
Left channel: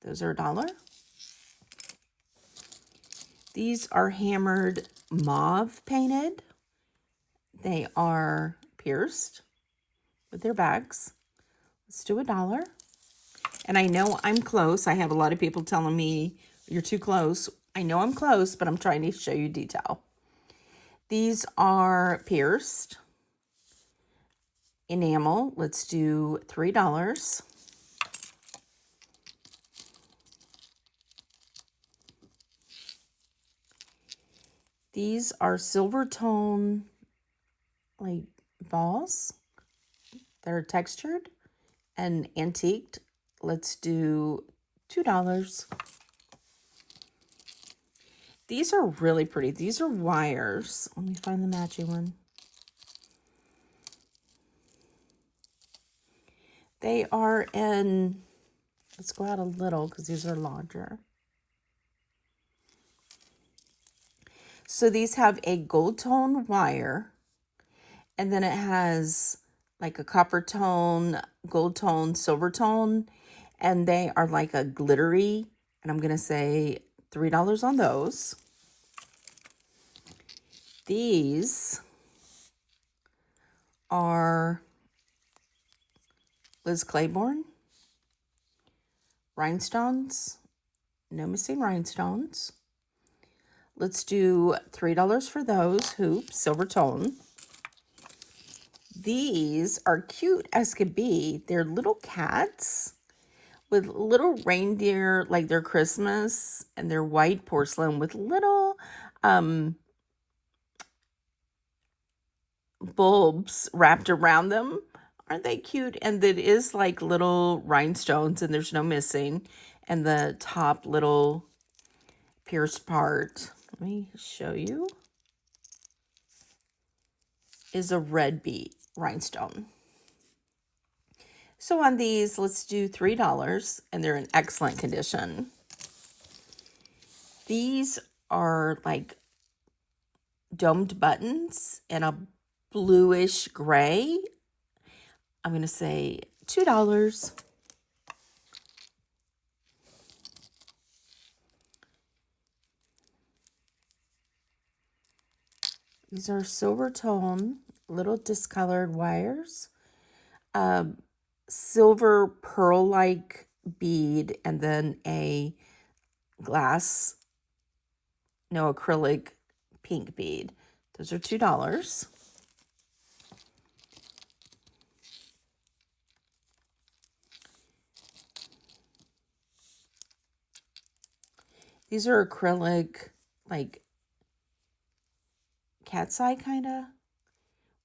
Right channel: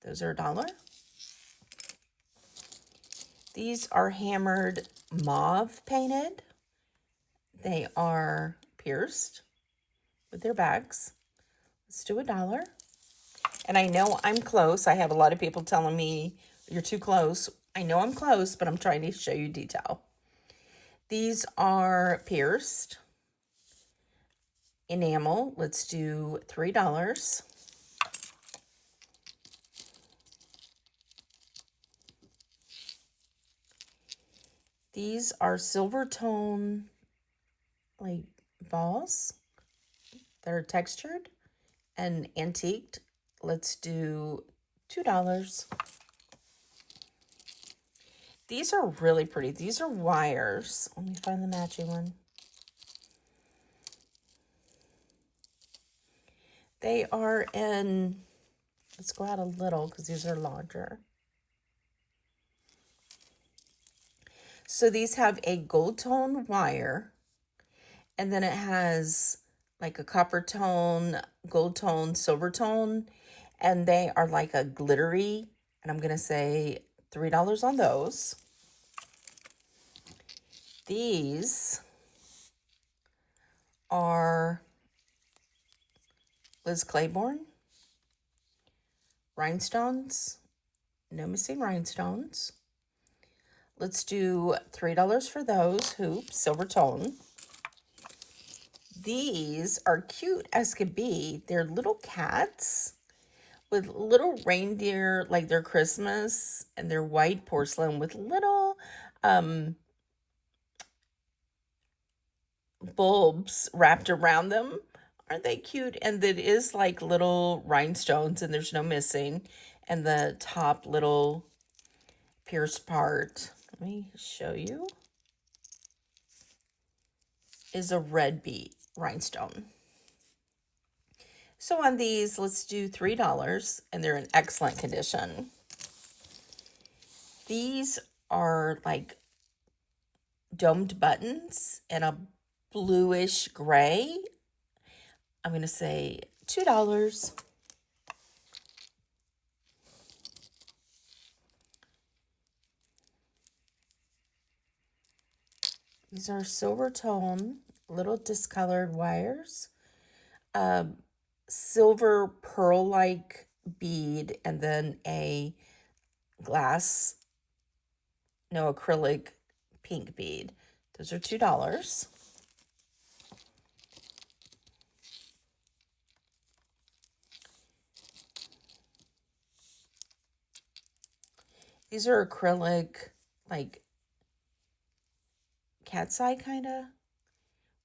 Those are $1. These are hammered mauve painted. They are pierced with their bags. Let's do $1. And I know I'm close. I have a lot of people telling me you're too close. I know I'm close, but I'm trying to show you detail. These are pierced enamel. Let's do $3. These are silver tone like balls that are textured and antiqued. Let's do $2. These are really pretty. These are wires. Let me find the matching one. They are in, let's go out a little because these are larger. So these have a gold tone wire, and then it has like a copper tone, gold tone, silver tone, and they are like a glittery, and I'm going to say $3 on those. These are Liz Claiborne rhinestones, no missing rhinestones. Let's do $3 for those hoops, silver tone. These are cute as could be. They're little cats with little reindeer, like they're Christmas, and they're white porcelain with little bulbs wrapped around them. Aren't they cute? And it is like little rhinestones, and there's no missing. And the top little pierced part, let me show you, is a red bead rhinestone. So on these, let's do $3, and they're in excellent condition. These are like domed buttons in a bluish gray. I'm going to say $2. These are silver tone, little discolored wires. Silver pearl-like bead, and then a glass, no, acrylic pink bead. Those are $2. These are acrylic, like cat's eye kind of,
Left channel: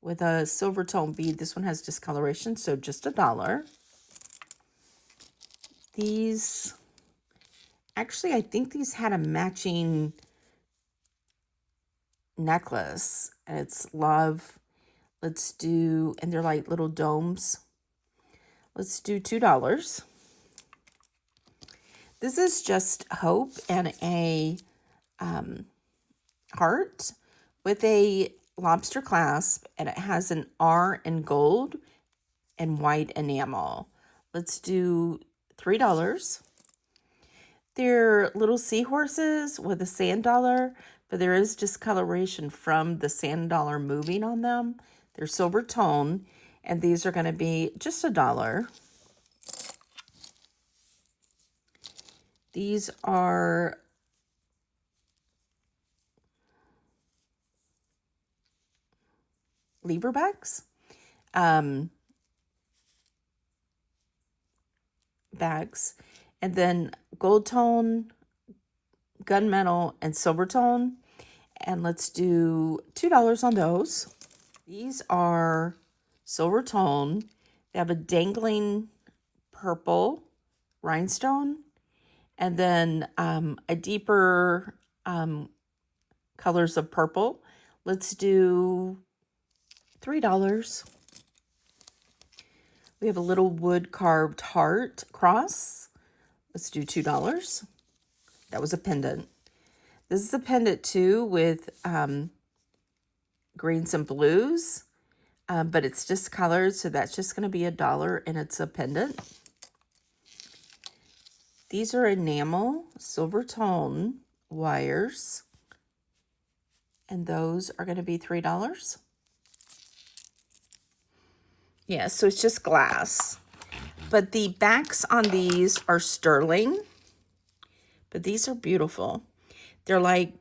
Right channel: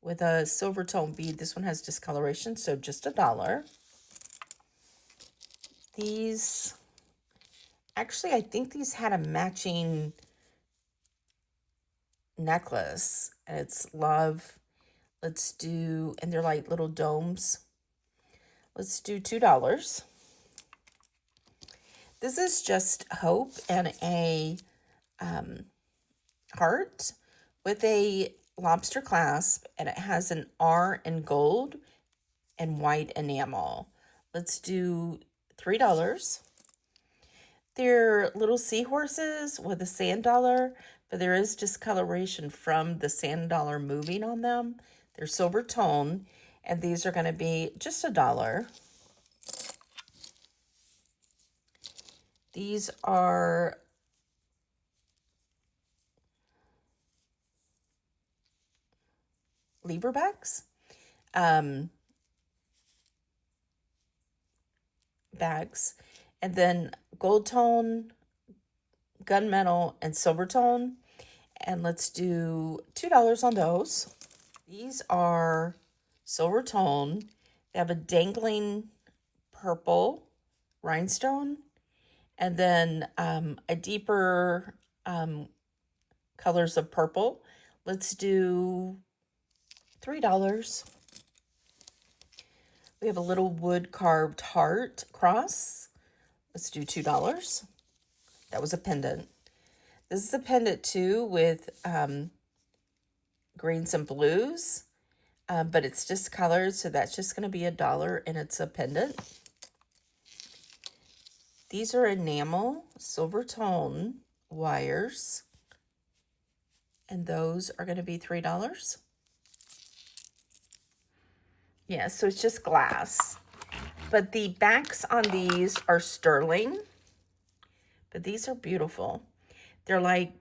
with a silver tone bead. This one has discoloration, so just $1. These, actually, I think these had a matching necklace. And it's love. Let's do, and they're like little domes. Let's do $2. This is just hope and a heart with a lobster clasp, and it has an R in gold and white enamel. Let's do $3. They're little seahorses with a sand dollar, but there is discoloration from the sand dollar moving on them. They're silver tone, and these are going to be just $1. These are leverbacks. bags. And then gold tone, gunmetal, and silver tone. And let's do $2 on those. These are silver tone. They have a dangling purple rhinestone, and then a deeper colors of purple. Let's do $3. We have a little wood carved heart cross. Let's do $2. That was a pendant. This is a pendant too with greens and blues, but it's just colored, so that's just going to be $1, and it's a pendant. These are enamel silver tone wires, and those are going to be $3. Yeah, so it's just glass. But the backs on these are sterling. But these are beautiful. They're like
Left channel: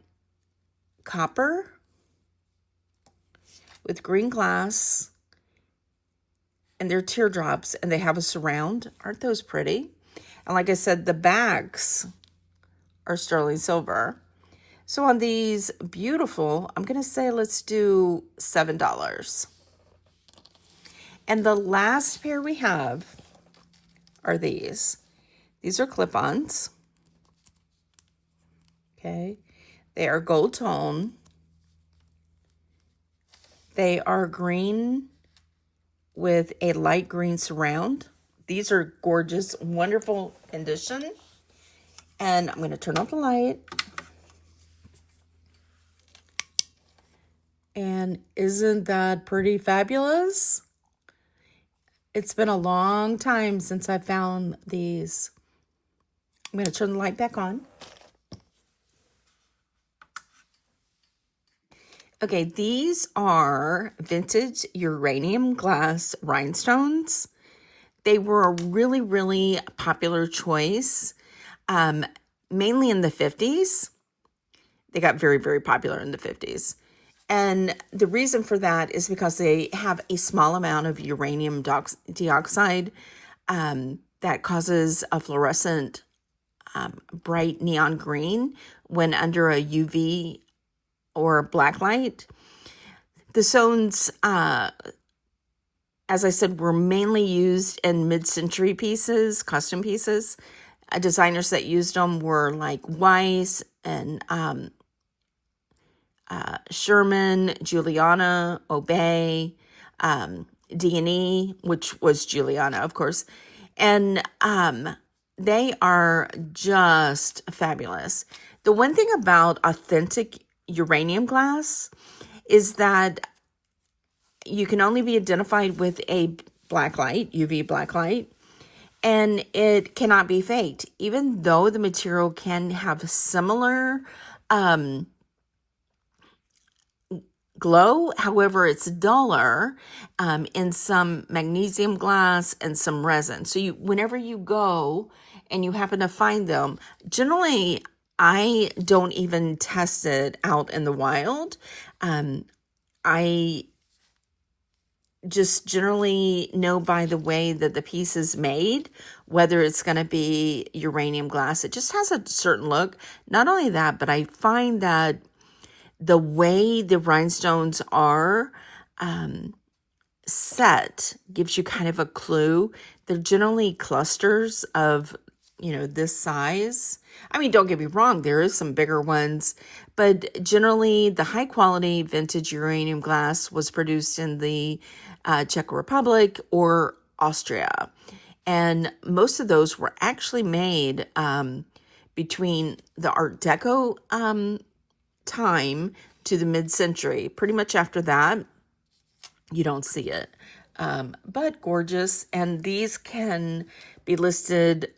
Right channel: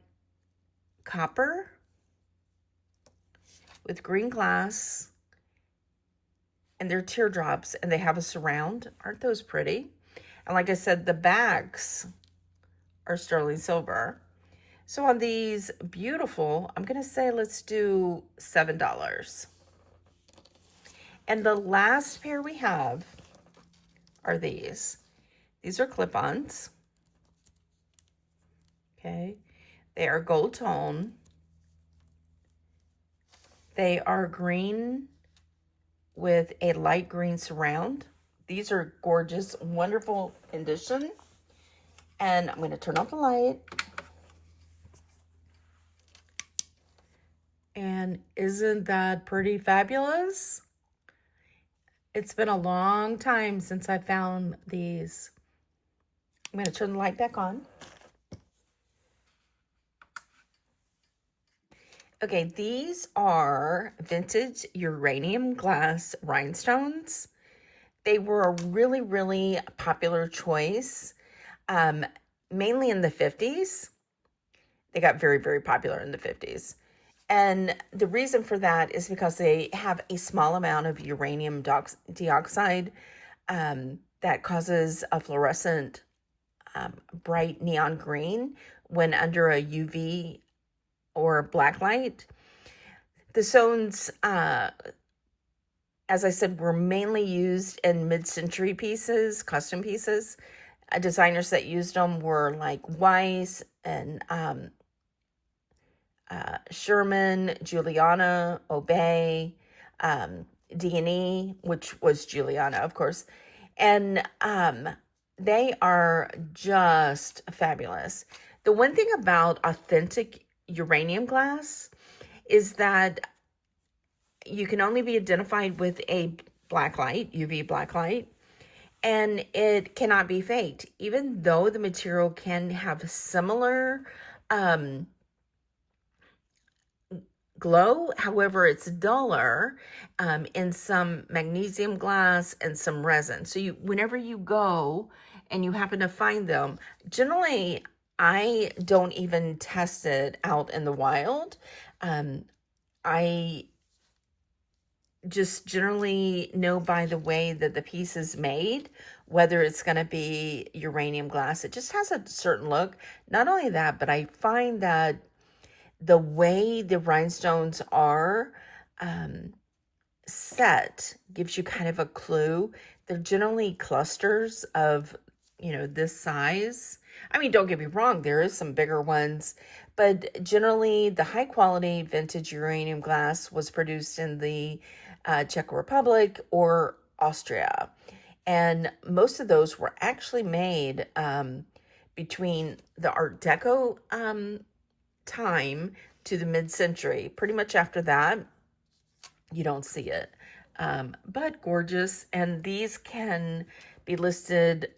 copper with green glass. And they're teardrops, and they have a surround. Aren't those pretty? And like I said, the backs are sterling silver. So on these beautiful, I'm going to say let's do $7. And the last pair we have are these. These are clip-ons. Okay. They are gold tone. They are green with a light green surround. These are gorgeous, wonderful condition. And I'm going to turn off the light. And isn't that pretty fabulous? It's been a long time since I found these. I'm going to turn the light back on. Okay, these are vintage uranium glass rhinestones. They were a really, really popular choice, mainly in the 50s. They got very, very popular in the 50s. And the reason for that is because they have a small amount of uranium dioxide that causes a fluorescent bright neon green when under a UV or black light. The stones, as I said, were mainly used in mid-century pieces, custom pieces. Designers that used them were like Weiss and Sherman, Juliana, Obey, D&E, which was Juliana, of course. And they are just fabulous. The one thing about authentic uranium glass is that you can only be identified with a black light, UV black light, and it cannot be faked. Even though the material can have similar glow, however, it's duller in some magnesium glass and some resin. So whenever you go and you happen to find them, generally I don't even test it out in the wild. I just generally know by the way that the piece is made, whether it's going to be uranium glass. It just has a certain look. Not only that, but I find that the way the rhinestones are set gives you kind of a clue. They're generally clusters of, this size. I mean, don't get me wrong, there is some bigger ones, but generally the high quality vintage uranium glass was produced in the Czech Republic or Austria. And most of those were actually made between the Art Deco time to the mid-century. Pretty much after that, you don't see it. But gorgeous. And these can be listed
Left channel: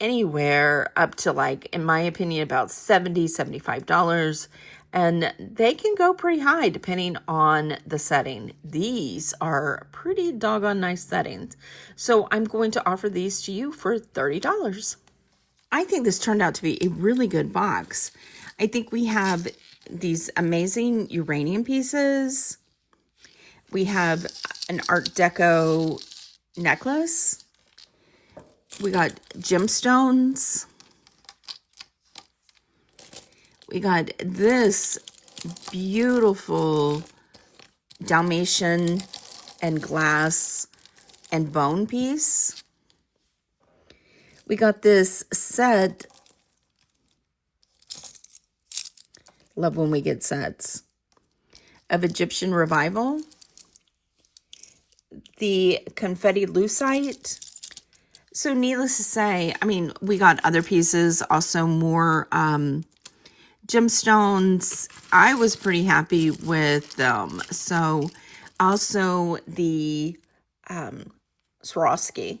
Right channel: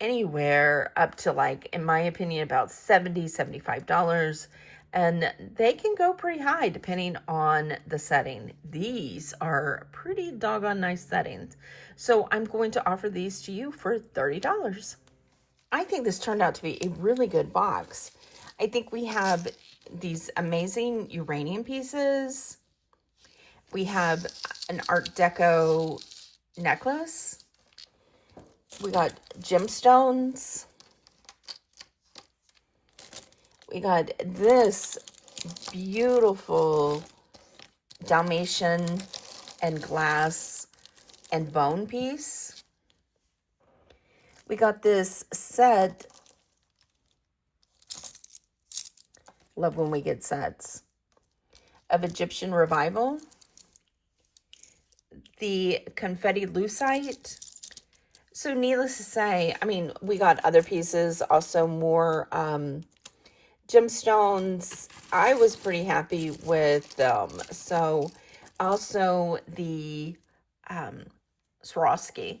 anywhere up to, like, in my opinion, about $70, $75. And they can go pretty high depending on the setting. These are pretty doggone nice settings. So I'm going to offer these to you for $30. I think this turned out to be a really good box. I think we have these amazing uranium pieces. We have an Art Deco necklace. We got Gemstones. We got this beautiful Dalmatian and glass and bone piece. We got this set. Love when we get sets of Egyptian Revival. The confetti lucite. So needless to say, I mean, we got other pieces, also more gemstones. I was pretty happy with them. So also the Swarovski.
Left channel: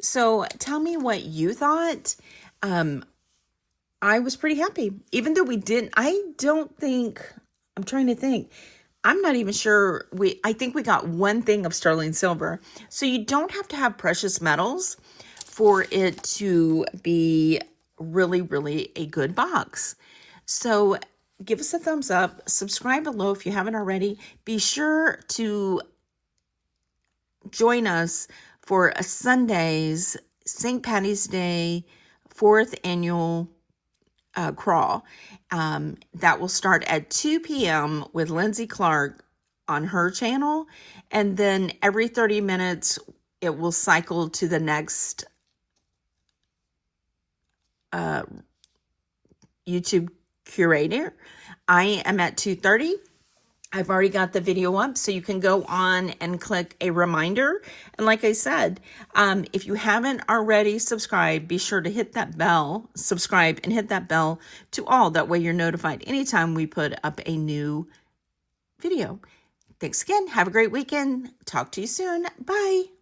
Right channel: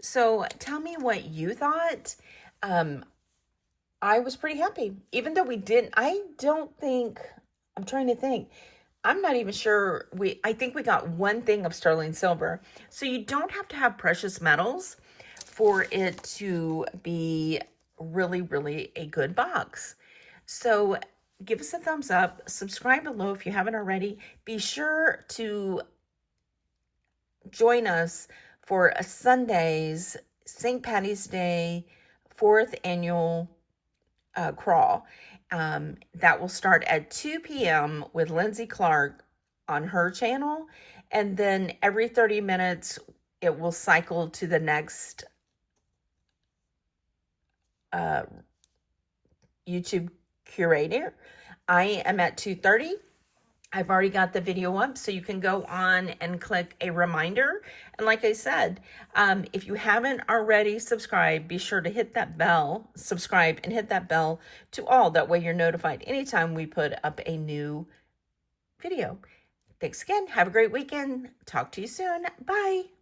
So tell me what you thought. I was pretty happy. Even though we didn't, I'm trying to think. I'm not even sure. I think we got one thing of sterling silver. So you don't have to have precious metals for it to be really, really a good box. So give us a thumbs up. Subscribe below if you haven't already. Be sure to join us for a Sunday's St. Patty's Day 4th annual crawl. That will start at 2 p.m. with Lindsay Clark on her channel. And then every 30 minutes, it will cycle to the next YouTube curator. I am at 2:30. I've already got the video up, so you can go on and click a reminder. And like I said, if you haven't already subscribed, be sure to hit that bell, subscribe, and hit that bell to all. That way you're notified anytime we put up a new video. Thanks again. Have a great weekend. Talk to you soon. Bye.